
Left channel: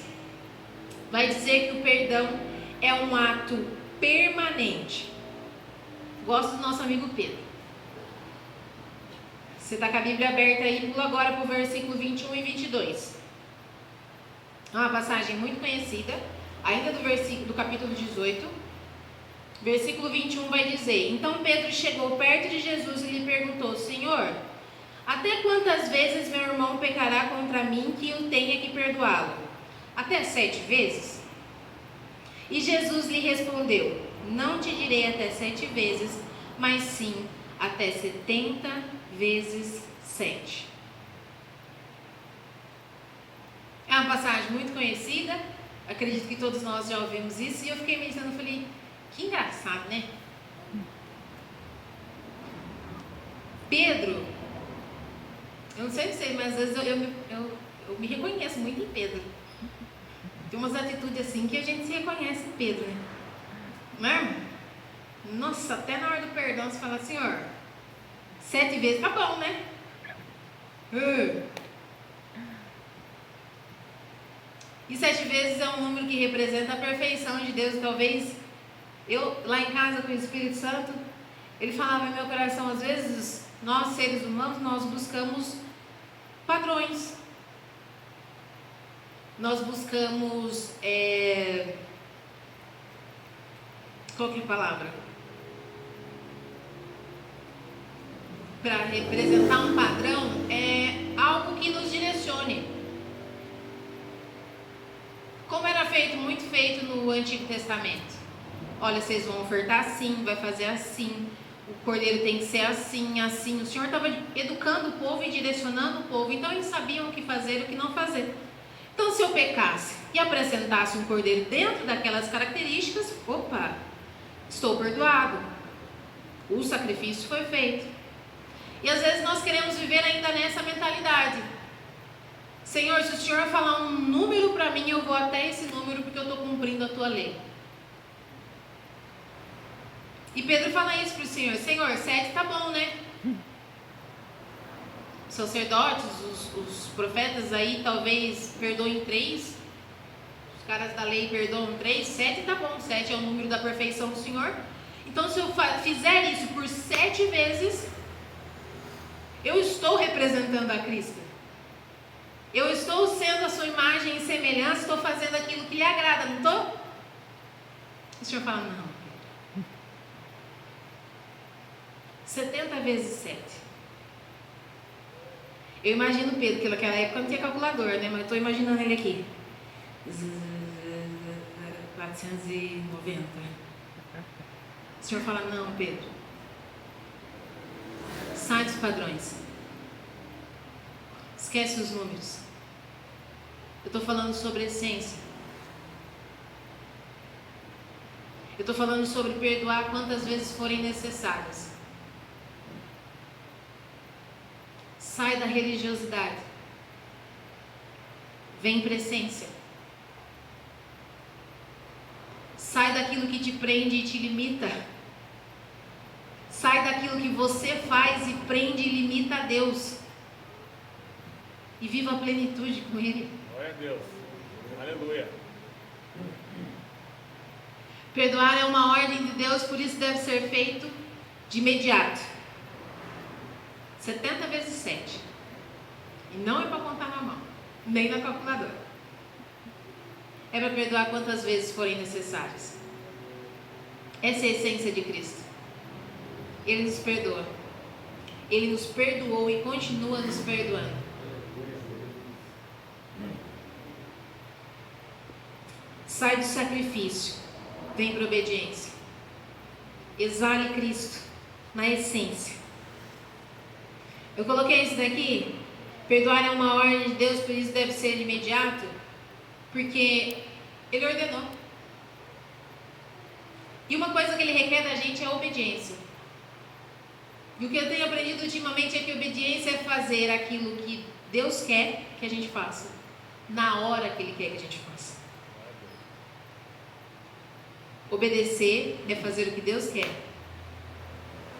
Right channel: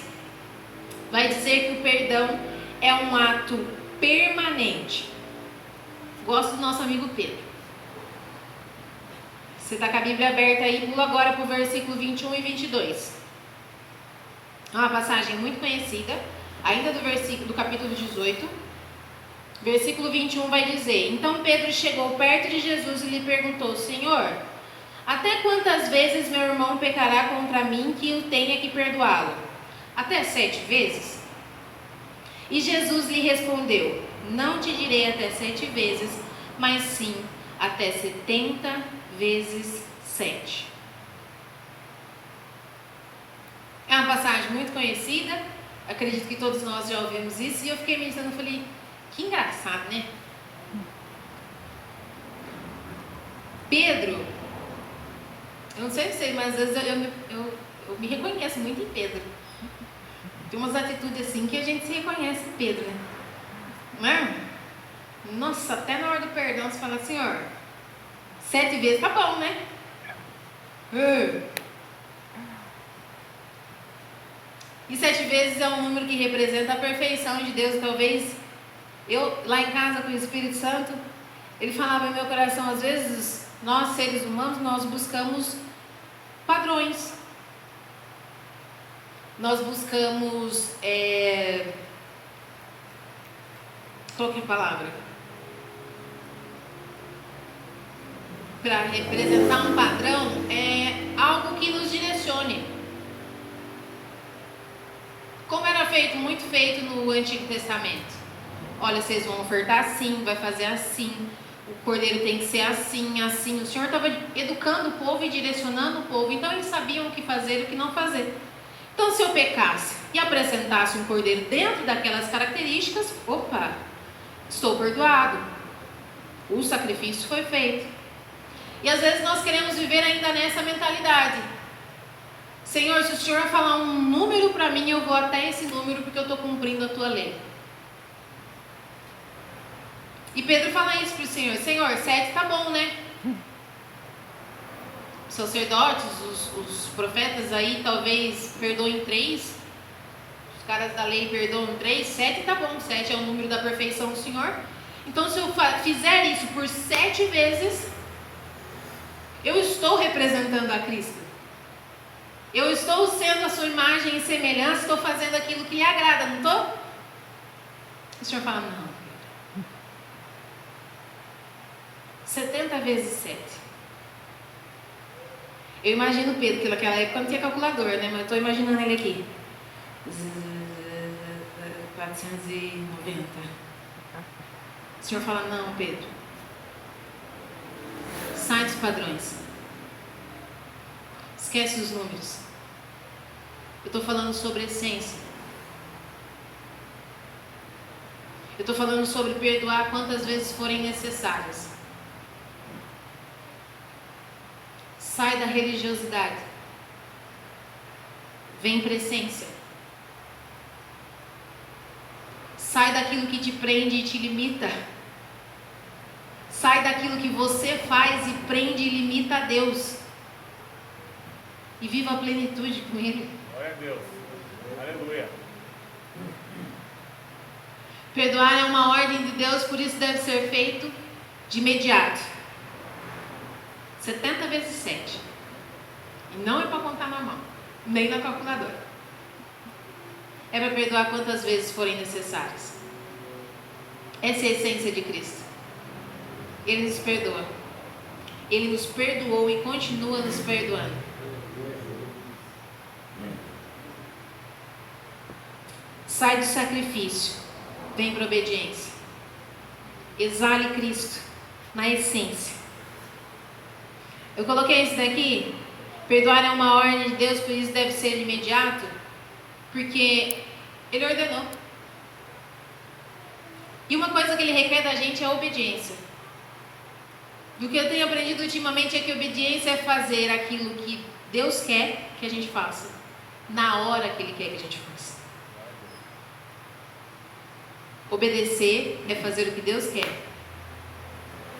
vai dizer que o perdão é um ato permanente. Gosto do nosso amigo Pedro. Você está com a Bíblia aberta aí, pula agora para o versículo 21 e 22. É uma passagem muito conhecida, ainda do capítulo 18. Versículo 21 vai dizer: Então Pedro chegou perto de Jesus e lhe perguntou: Senhor, até quantas vezes meu irmão pecará contra mim que eu tenha que perdoá-lo? Até 7 vezes? E Jesus lhe respondeu: Não te direi até 7 vezes, mas sim até 70 vezes 7. É uma passagem muito conhecida, acredito que todos nós já ouvimos isso, e eu fiquei pensando, falei, que engraçado, né? Pedro, eu não sei se mas às vezes eu me reconheço muito em Pedro. Tem umas atitudes assim que a gente se reconhece em Pedro, né? Não é? Nossa, até na hora do perdão você fala, Senhor, 7 vezes tá bom, né? E 7 vezes é um número que representa a perfeição de Deus. Talvez eu, lá em casa com o Espírito Santo, ele falava no meu coração, às vezes nós seres humanos, nós buscamos padrões. Nós buscamos Qual que é a palavra? Para representar um padrão é algo que nos direcione. Como era feito, muito feito no Antigo Testamento. Olha, vocês vão ofertar assim, vai fazer assim, o cordeiro tem que ser assim, assim. O Senhor estava educando o povo e direcionando o povo, então eles sabiam o que fazer e o que não fazer. Então, se eu pecasse e apresentasse um cordeiro dentro daquelas características, opa, estou perdoado. O sacrifício foi feito. E às vezes nós queremos viver ainda nessa mentalidade. Senhor, se o Senhor falar um número para mim, eu vou até esse número porque eu estou cumprindo a tua lei. E Pedro fala isso para o Senhor: Senhor, 7 tá bom, né? Os sacerdotes, os profetas aí talvez perdoem 3. Os caras da lei perdoam 3. 7 tá bom, 7 é o número da perfeição do Senhor. Então, se eu fizer isso por 7 vezes, eu estou representando a Cristo. Eu estou sendo a sua imagem e semelhança, estou fazendo aquilo que lhe agrada, não estou? O Senhor fala: não. 70 vezes 7. Eu imagino Pedro, que naquela época não tinha calculador, né? Mas eu estou imaginando ele aqui. 490. O Senhor fala: não, Pedro. Sai dos padrões. Esquece os números. Eu estou falando sobre essência. Eu estou falando sobre perdoar quantas vezes forem necessárias. Sai da religiosidade. Vem para a essência. Sai daquilo que te prende e te limita. Sai daquilo que você faz e prende e limita a Deus. E viva a plenitude com Ele. Glória a Deus. Aleluia. Perdoar é uma ordem de Deus, por isso deve ser feito de imediato. 70 vezes 7. E não é para contar na mão, nem na calculadora. É para perdoar quantas vezes forem necessárias. Essa é a essência de Cristo. Ele nos perdoa. Ele nos perdoou e continua nos perdoando. Sai do sacrifício, vem para a obediência. Exale Cristo na essência. Eu coloquei isso daqui. Perdoar é uma ordem de Deus, por isso deve ser de imediato, porque Ele ordenou. E uma coisa que Ele requer da gente é a obediência. E o que eu tenho aprendido ultimamente é que obediência é fazer aquilo que Deus quer que a gente faça, na hora que Ele quer que a gente faça. Obedecer é fazer o que Deus quer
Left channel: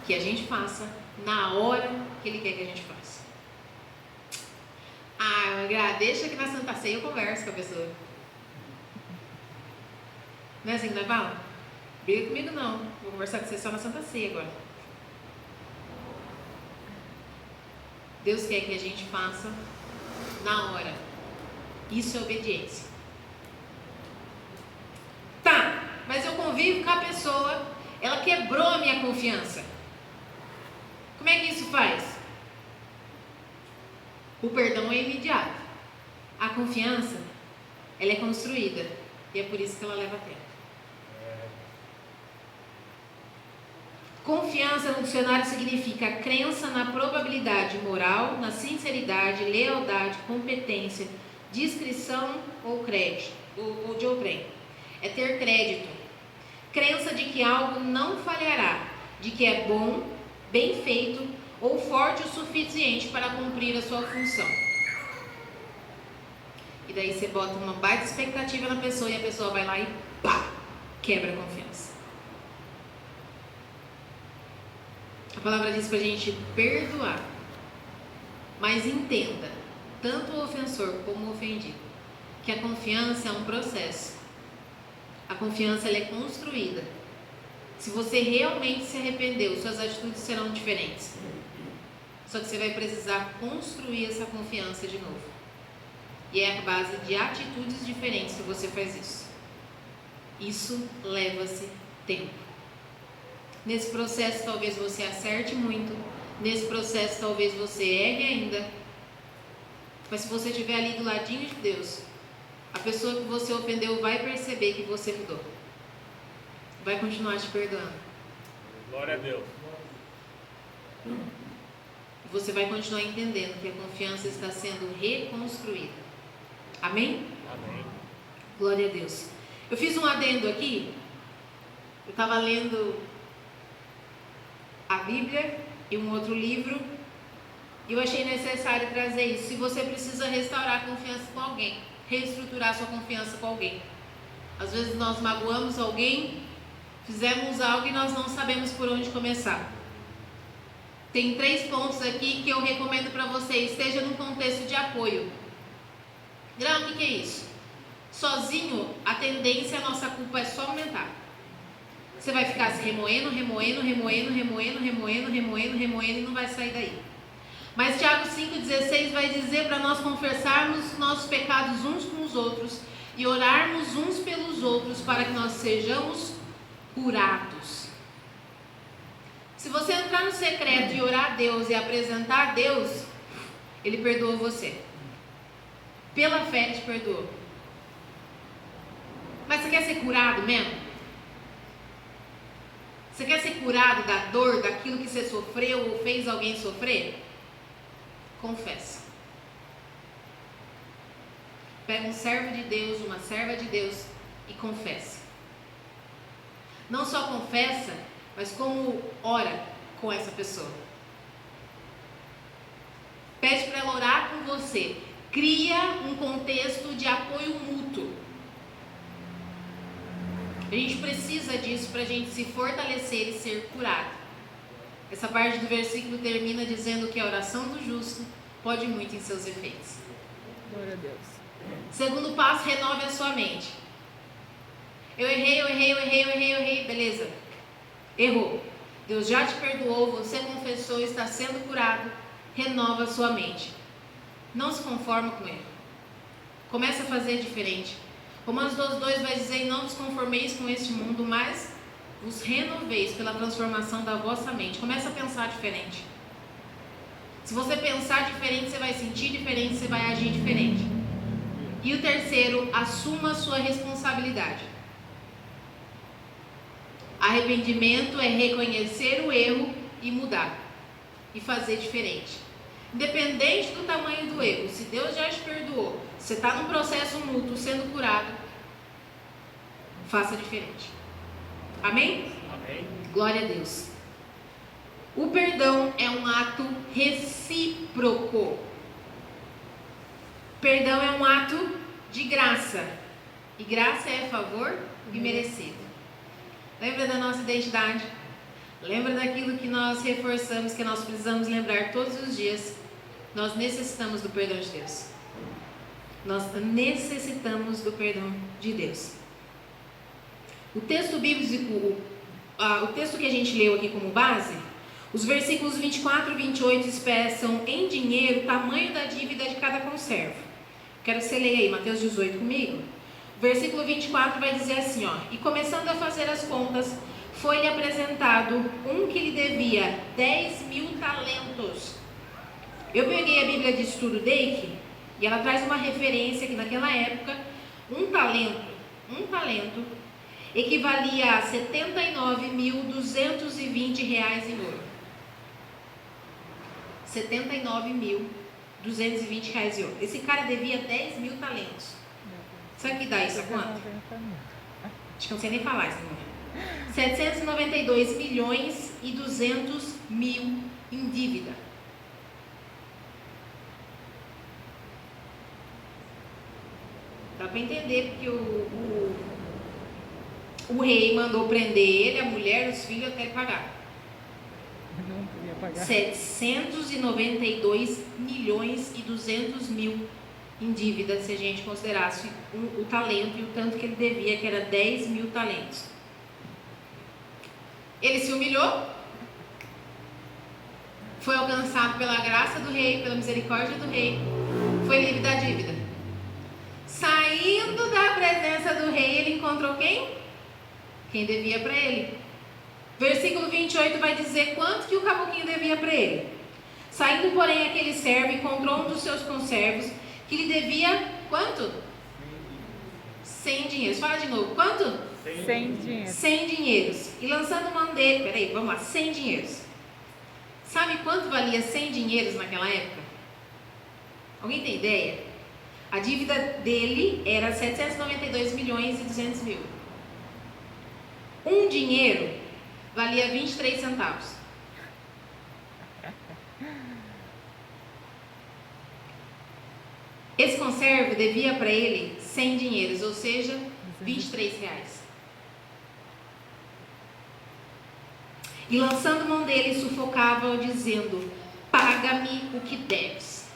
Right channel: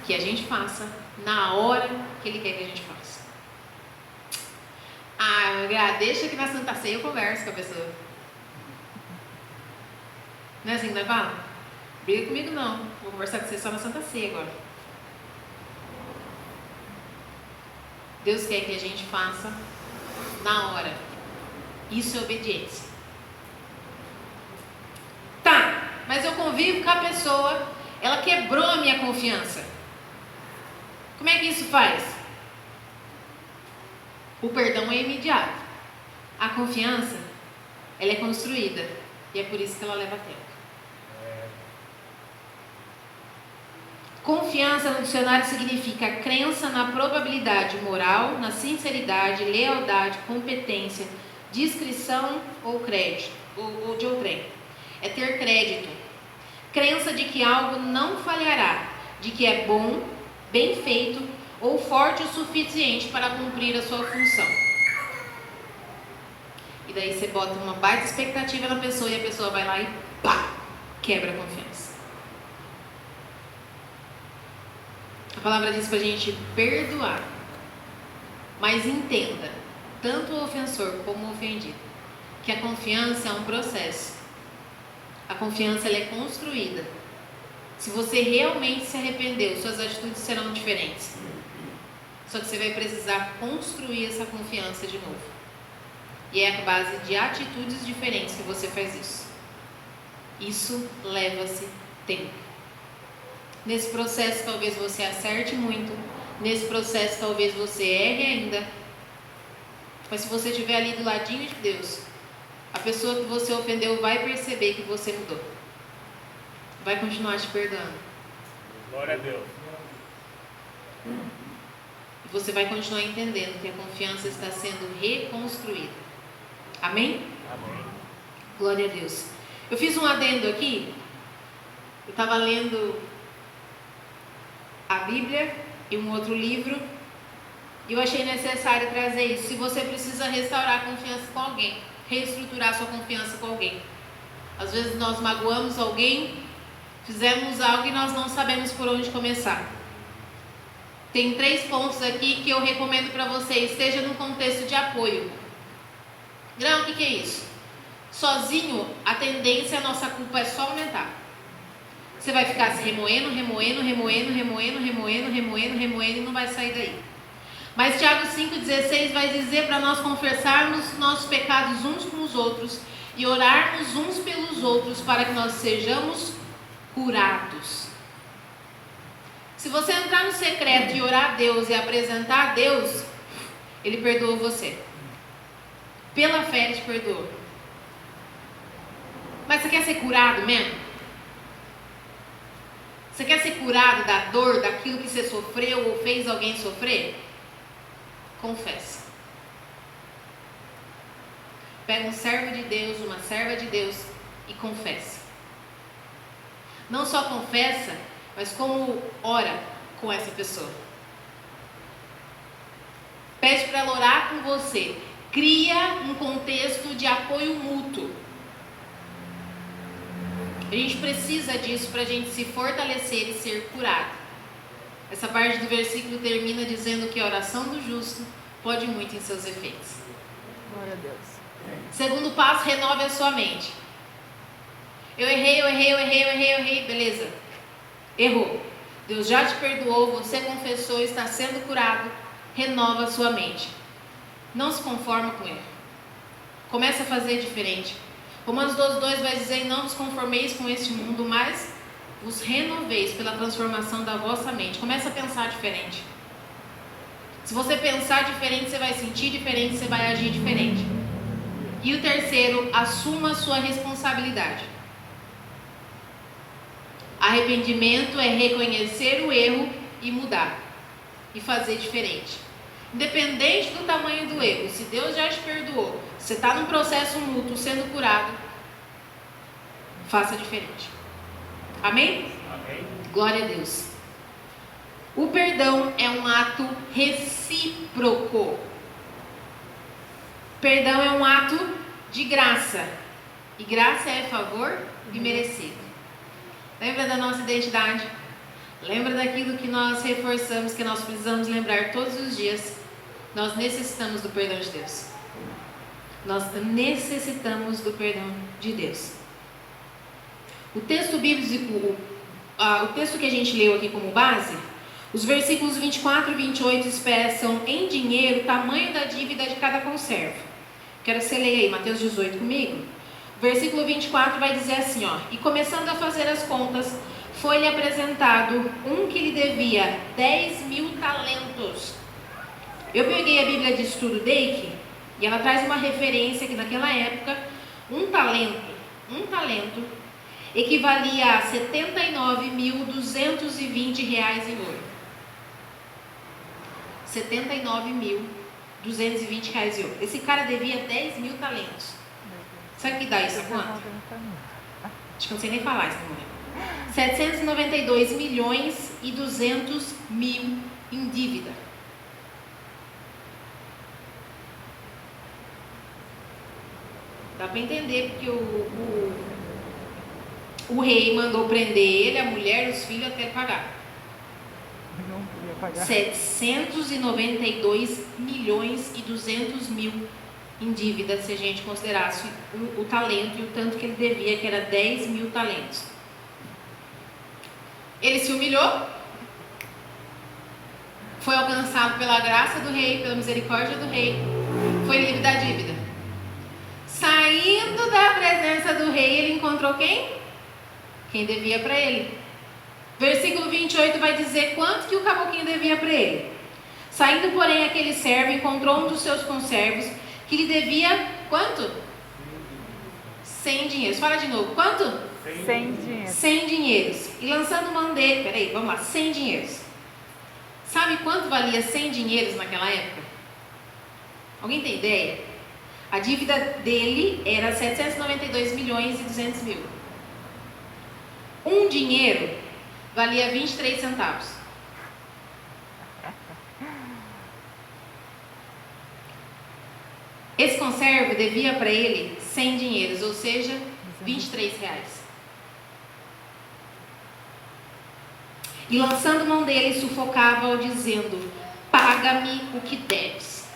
que a gente faça, na hora que Ele quer que a gente faça. Deixa que na Santa Ceia eu converso com a pessoa. Não é assim que nós falamos? Briga comigo não, vou conversar com você só na Santa Ceia agora. Deus quer que a gente faça na hora. Isso é obediência. Tá, mas eu convivo com a pessoa, ela quebrou a minha confiança. Como é que isso faz? O perdão é imediato. A confiança, ela é construída. E é por isso que ela leva tempo. Confiança no dicionário significa crença na probabilidade moral, na sinceridade, lealdade, competência, discrição ou crédito, ou de outrem. É ter crédito. Crença de que algo não falhará, de que é bom, bem feito ou forte o suficiente para cumprir a sua função. E daí você bota uma baita expectativa na pessoa e a pessoa vai lá e pá, quebra a confiança. A palavra diz para a gente perdoar, mas entenda, tanto o ofensor como o ofendido, que a confiança é um processo. A confiança ela é construída. Se você realmente se arrependeu, suas atitudes serão diferentes. Só que você vai precisar construir essa confiança de novo. E é a base de atitudes diferentes que você faz isso. Isso leva-se tempo. Nesse processo talvez você acerte muito, nesse processo talvez você erre ainda, mas se você estiver ali do ladinho de Deus, a pessoa que você ofendeu vai perceber que você mudou, vai continuar te perdoando. Glória a Deus. E você vai continuar entendendo que a confiança está sendo reconstruída. Amém? Amém. Glória a Deus. Eu fiz um adendo aqui. Eu estava lendo a Bíblia e um outro livro, e eu achei necessário trazer isso. Se você precisa restaurar a confiança com alguém, reestruturar sua confiança com alguém. Às vezes nós magoamos alguém, fizemos algo e nós não sabemos por onde começar. Tem 3 pontos aqui que eu recomendo para você. Esteja no contexto de apoio. Não, o que é isso? Sozinho, a tendência, a nossa culpa é só aumentar. Você vai ficar se remoendo e não vai sair daí. Mas Tiago 5,16 vai dizer para nós confessarmos nossos pecados uns com os outros e orarmos uns pelos outros para que nós sejamos curados. Se você entrar no secreto e orar a Deus e apresentar a Deus, Ele perdoa você. Pela fé Ele te perdoa. Mas você quer ser curado mesmo? Você quer ser curado da dor, daquilo que você sofreu ou fez alguém sofrer? Confessa. Pega um servo de Deus, uma serva de Deus e confessa. Não só confessa, mas como ora com essa pessoa. Pede para ela orar com você. Cria um contexto de apoio mútuo. A gente precisa disso para a gente se fortalecer e ser curado. Essa parte do versículo termina dizendo que a oração do justo pode muito em seus efeitos. Glória a Deus. Segundo passo, renove a sua mente. Eu errei, beleza. Errou. Deus já te perdoou, você confessou, está sendo curado. Renova a sua mente. Não se conforma com ele. Comece a fazer diferente. Romanos 12:2 vai dizer: não vos conformeis com este mundo, mas vos renoveis pela transformação da vossa mente. Comece a pensar diferente. Se você pensar diferente, você vai sentir diferente, você vai agir diferente. E o terceiro, assuma a sua responsabilidade. Arrependimento é reconhecer o erro e mudar. E fazer diferente. Independente do tamanho do erro, se Deus já te perdoou, você está num processo mútuo, sendo curado, faça diferente. Amém? Amém. Glória a Deus. O perdão é um ato recíproco. Perdão é um ato de graça. E graça é favor imerecido. Lembra da nossa identidade? Lembra daquilo que nós reforçamos, que nós precisamos lembrar todos os dias? Nós necessitamos do perdão de Deus. Nós necessitamos do perdão de Deus. O texto bíblico, o texto que a gente leu aqui como base, os versículos 24 e 28 expressam em dinheiro o tamanho da dívida de cada conservo. Quero que você leia aí, Mateus 18 comigo. O versículo 24 vai dizer assim, ó: e começando a fazer as contas, foi-lhe apresentado um que lhe devia 10.000 talentos. Eu peguei a Bíblia de Estudo Dake e ela traz uma referência que naquela época um talento equivalia a 79.220 reais em ouro. 79.220 reais em ouro. Esse cara devia 10.000 talentos. Sabe o que dá isso quanto? Acho que não sei nem falar esse número. 792.200.000 em dívida. Dá para entender porque o rei mandou prender ele, a mulher, os filhos até pagar. Não podia pagar. 792.200.000 em dívida, se a gente considerasse o talento e o tanto que ele devia, que era 10.000 talentos. Ele se humilhou, foi alcançado pela graça do rei, pela misericórdia do rei, foi livre da dívida. Saindo da presença do rei, ele encontrou quem? quem devia para ele. Versículo 28 vai dizer quanto que o caboclinho devia para ele. Saindo, porém, aquele servo encontrou um dos seus conservos que lhe devia quanto? 100 dinheiros. Fala de novo, quanto? 100 dinheiros. 100 dinheiros. E lançando mão dele, peraí, vamos lá, 100 dinheiros. Sabe quanto valia 100 dinheiros naquela época? Alguém tem ideia? A dívida dele era 792 milhões e 200 mil. Um dinheiro valia 23 centavos. Esse conservo devia para ele 100 dinheiros, ou seja, 23 reais. E lançando mão dele, sufocava-o, dizendo: paga-me o que deves.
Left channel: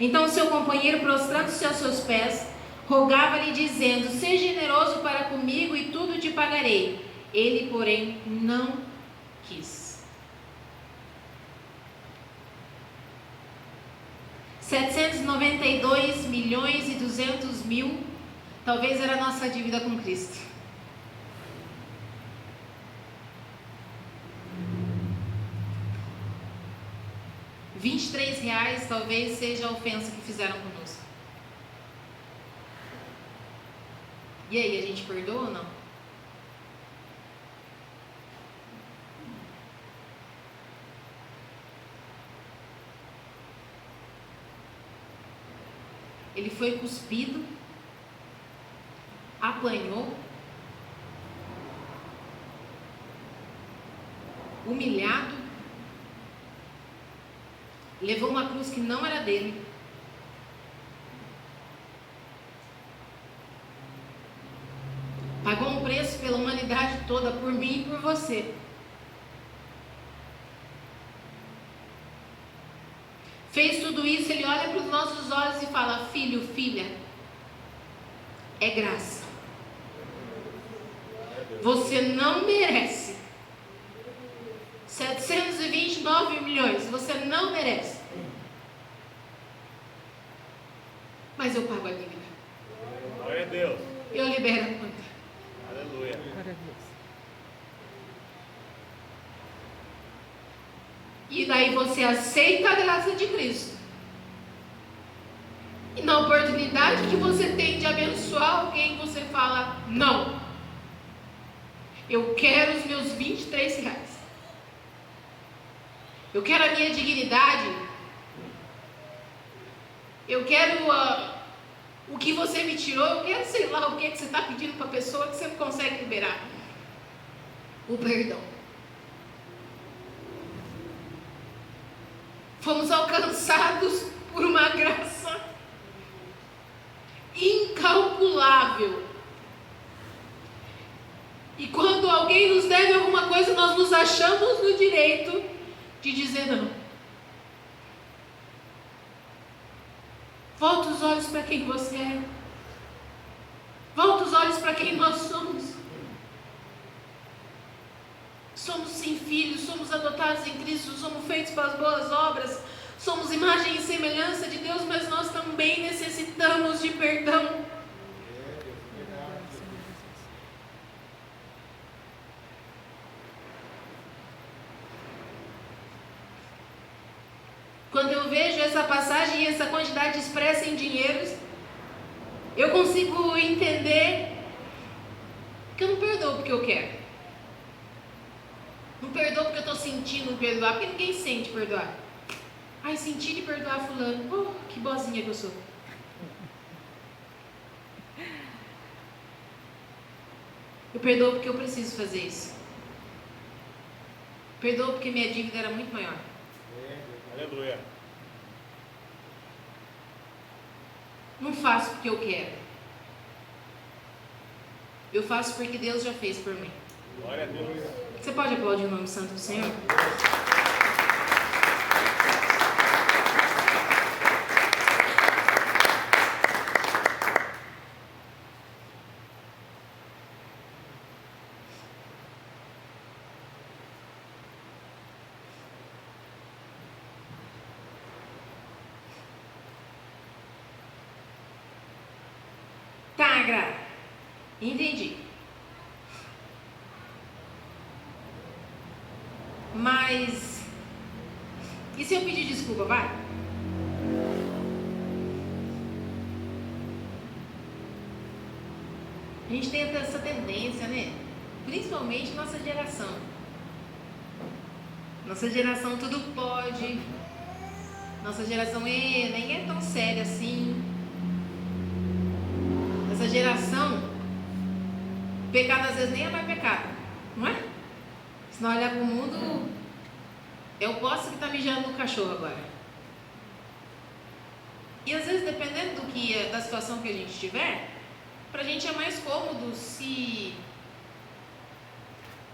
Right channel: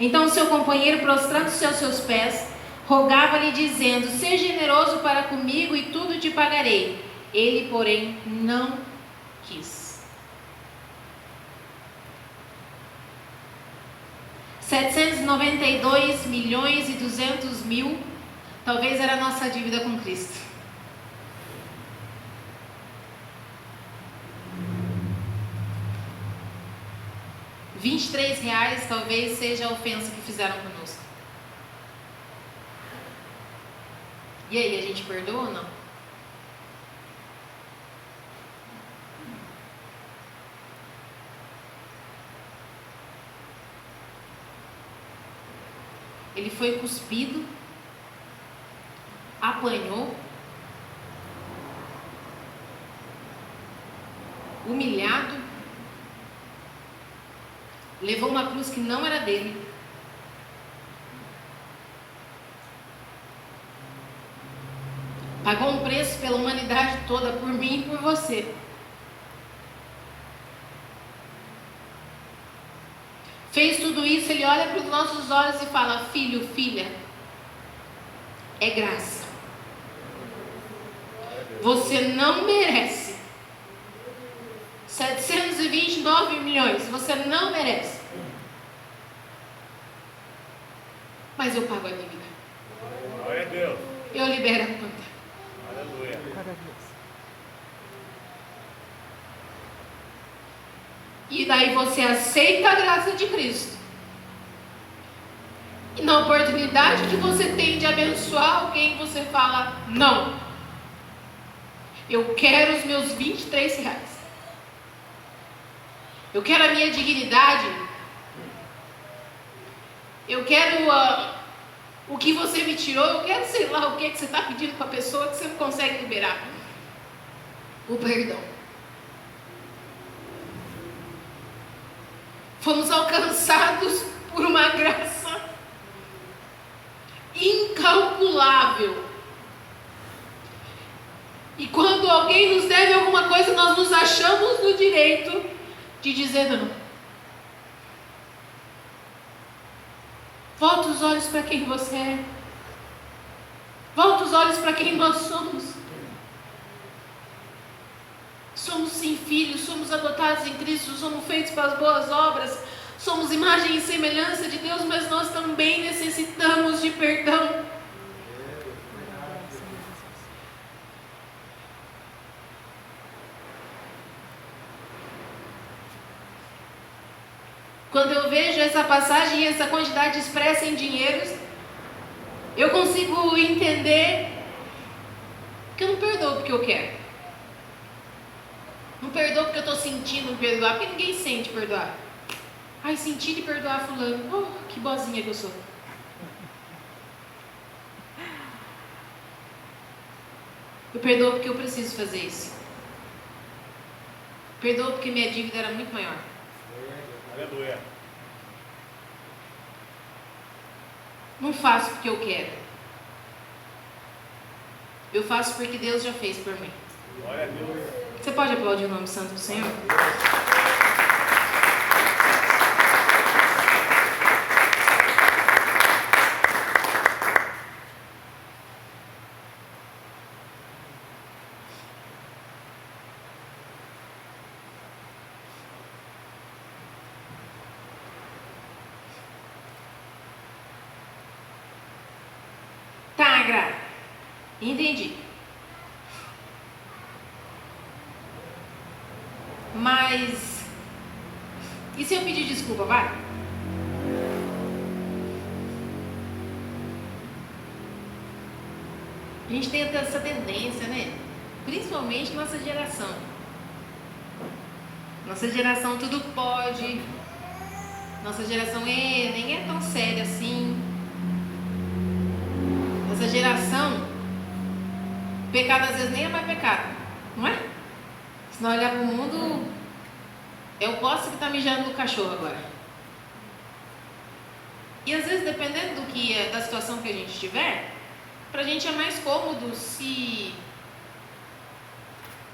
Então seu companheiro, prostrando-se aos seus pés, rogava-lhe, dizendo: seja generoso para comigo e tudo te pagarei. Ele, porém, não quis. 792 milhões e 200 mil, talvez era a nossa dívida com Cristo. R$ 23 talvez seja a ofensa que fizeram conosco. E aí, a gente perdoa ou não? Ele foi cuspido, apanhou, humilhado, levou uma cruz que não era dele. Pagou um preço pela humanidade toda, por mim e por você. Fez tudo isso, ele olha para os nossos olhos e fala: filho, filha, é graça. Você não merece 729 milhões, você não merece. Mas eu pago a dívida. Glória a Deus. Eu libero a conta. Aleluia. Glória a Deus. E daí você aceita a graça de Cristo. E na oportunidade que você tem de abençoar alguém, você fala: não, eu quero os meus 23 reais. Eu quero a minha dignidade. Eu quero o que você me tirou. Eu quero, sei lá, o que você está pedindo para a pessoa que você não consegue liberar. O perdão. Fomos alcançados por uma graça incalculável. E quando alguém nos deve alguma coisa, nós nos achamos no direito de dizer não. Volta os olhos para quem você é. Volta os olhos para quem nós somos. Somos sim filhos, somos adotados em Cristo, somos feitos para as boas obras, somos imagem e semelhança de Deus, mas nós também necessitamos de perdão. Quando eu vejo essa passagem e essa quantidade expressa em dinheiros, eu consigo entender que eu não perdoo porque eu quero. Não perdoo porque eu estou sentindo perdoar, porque ninguém sente perdoar. Ai, senti de perdoar fulano. Oh, que boazinha que eu sou. Eu perdoo porque eu preciso fazer isso. Perdoo porque minha dívida era muito maior. Aleluia. Não faço porque eu quero. Eu faço porque Deus já fez por mim. Glória a Deus. Você pode aplaudir o nome santo do Senhor? Tá, Gra. Entendi. Mas e se eu pedir desculpa, vai? A gente tem até essa tendência, né? Principalmente nossa geração. Nossa geração tudo pode. Nossa geração nem é tão séria assim. Nossa geração, pecado às vezes nem é mais pecado, não é? Se não olhar para o mundo, é o poste que está mijando no cachorro agora. E às vezes, dependendo da situação que a gente tiver, para a gente é mais cômodo se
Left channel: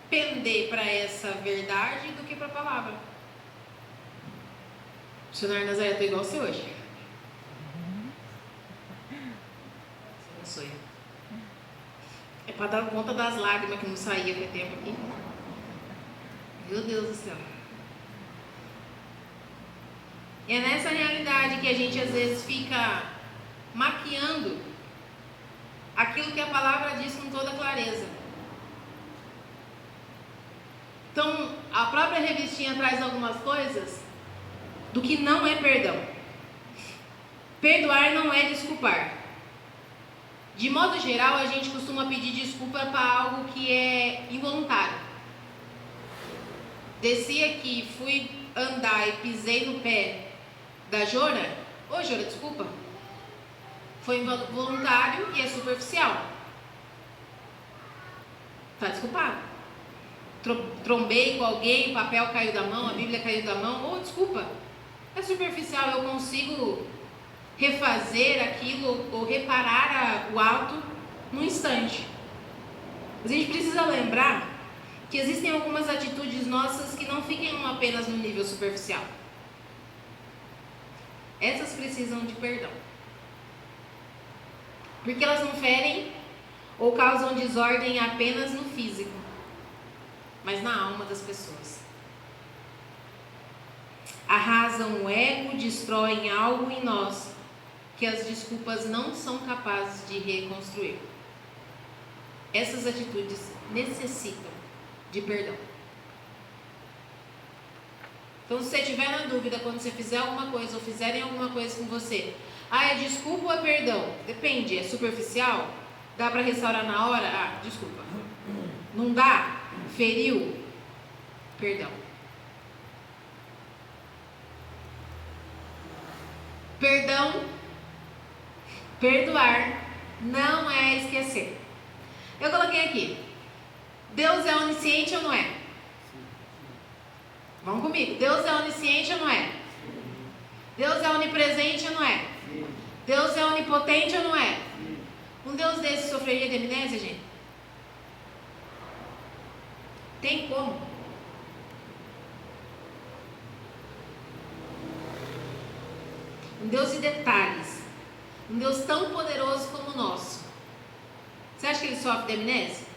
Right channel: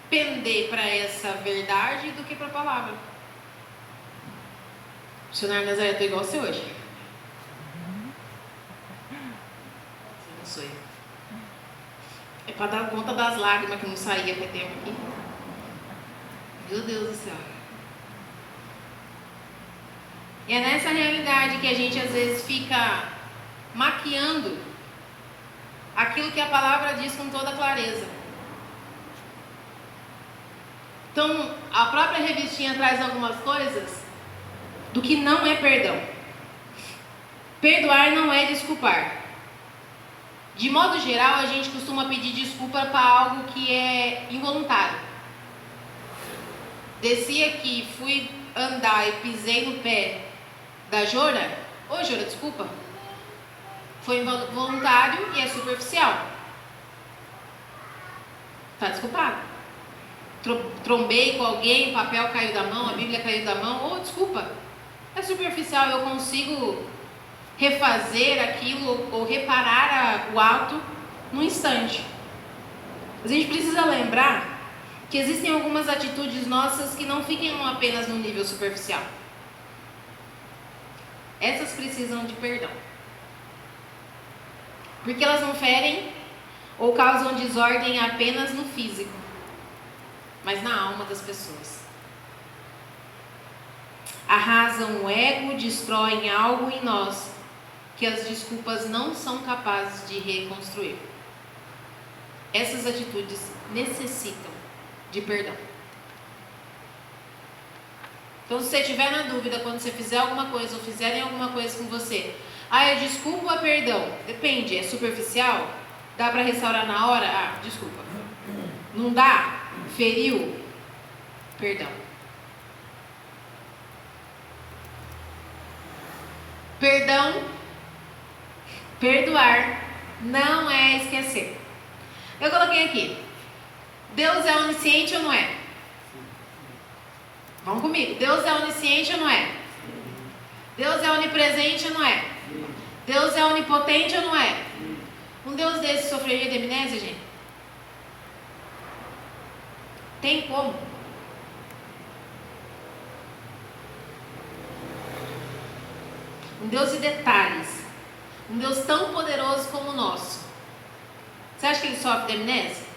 pender para essa verdade do que para a palavra. O senhor Nazaré, eu estou igual você hoje. Você não sou eu. É para dar conta das lágrimas que não saía com o tempo aqui. Meu Deus do céu. E é nessa realidade que a gente às vezes fica maquiando aquilo que a palavra diz com toda clareza. Então, a própria revistinha traz algumas coisas do que não é perdão. Perdoar não é desculpar. De modo geral, a gente costuma pedir desculpa para algo que é involuntário. Desci aqui, fui andar e pisei no pé da Jora. Oi, Jora, desculpa. Foi involuntário e é superficial. Está desculpado. Trombei com alguém, o papel caiu da mão, a Bíblia caiu da mão. Oh, desculpa. É superficial, eu consigo refazer aquilo ou reparar o ato num instante. Mas a gente precisa lembrar que existem algumas atitudes nossas que não ficam apenas no nível superficial. Essas precisam de perdão. Porque elas não ferem ou causam desordem apenas no físico, mas na alma das pessoas. Arrasam o ego, destroem algo em nós que as desculpas não são capazes de reconstruir. Essas atitudes necessitam de perdão. Então, se você estiver na dúvida quando você fizer alguma coisa ou fizerem alguma coisa com você, é desculpa ou é perdão? Depende, é superficial? Dá para restaurar na hora? Ah, desculpa. Não dá? Feriu? Perdão. Perdão, perdoar, não é esquecer. Eu coloquei aqui, Deus é onisciente ou não é? Vamos comigo, Deus é onisciente ou não é? Deus é onipresente ou não é? Deus é onipotente ou não é? Um Deus desse sofreria de amnésia, gente? Tem como? Um Deus de detalhes. Um Deus tão poderoso como o nosso. Você acha que ele sofre de amnésia?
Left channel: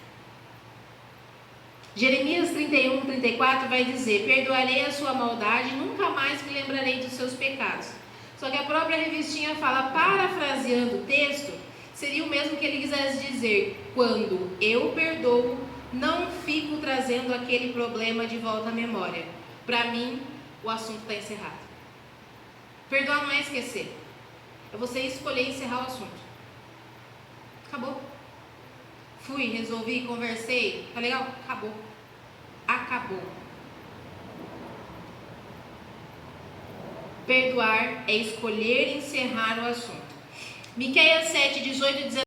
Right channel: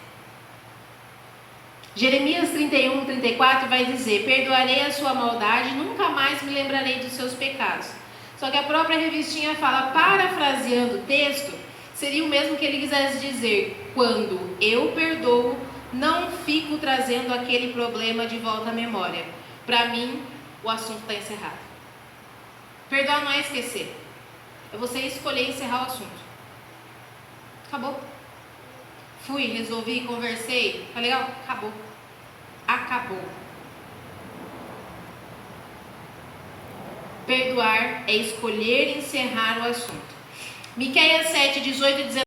Jeremias 31, 34 vai dizer: perdoarei a sua maldade, nunca mais me lembrarei dos seus pecados. Só que a própria revistinha fala, parafraseando o texto, seria o mesmo que ele quisesse dizer: quando eu perdoo, não fico trazendo aquele problema de volta à memória. Para mim, o assunto está encerrado. Perdoar não é esquecer. É você escolher encerrar o assunto. Acabou. Fui, resolvi, conversei. Tá legal? Acabou. Acabou. Perdoar é escolher encerrar o assunto. Miqueias 7, 18 e 19.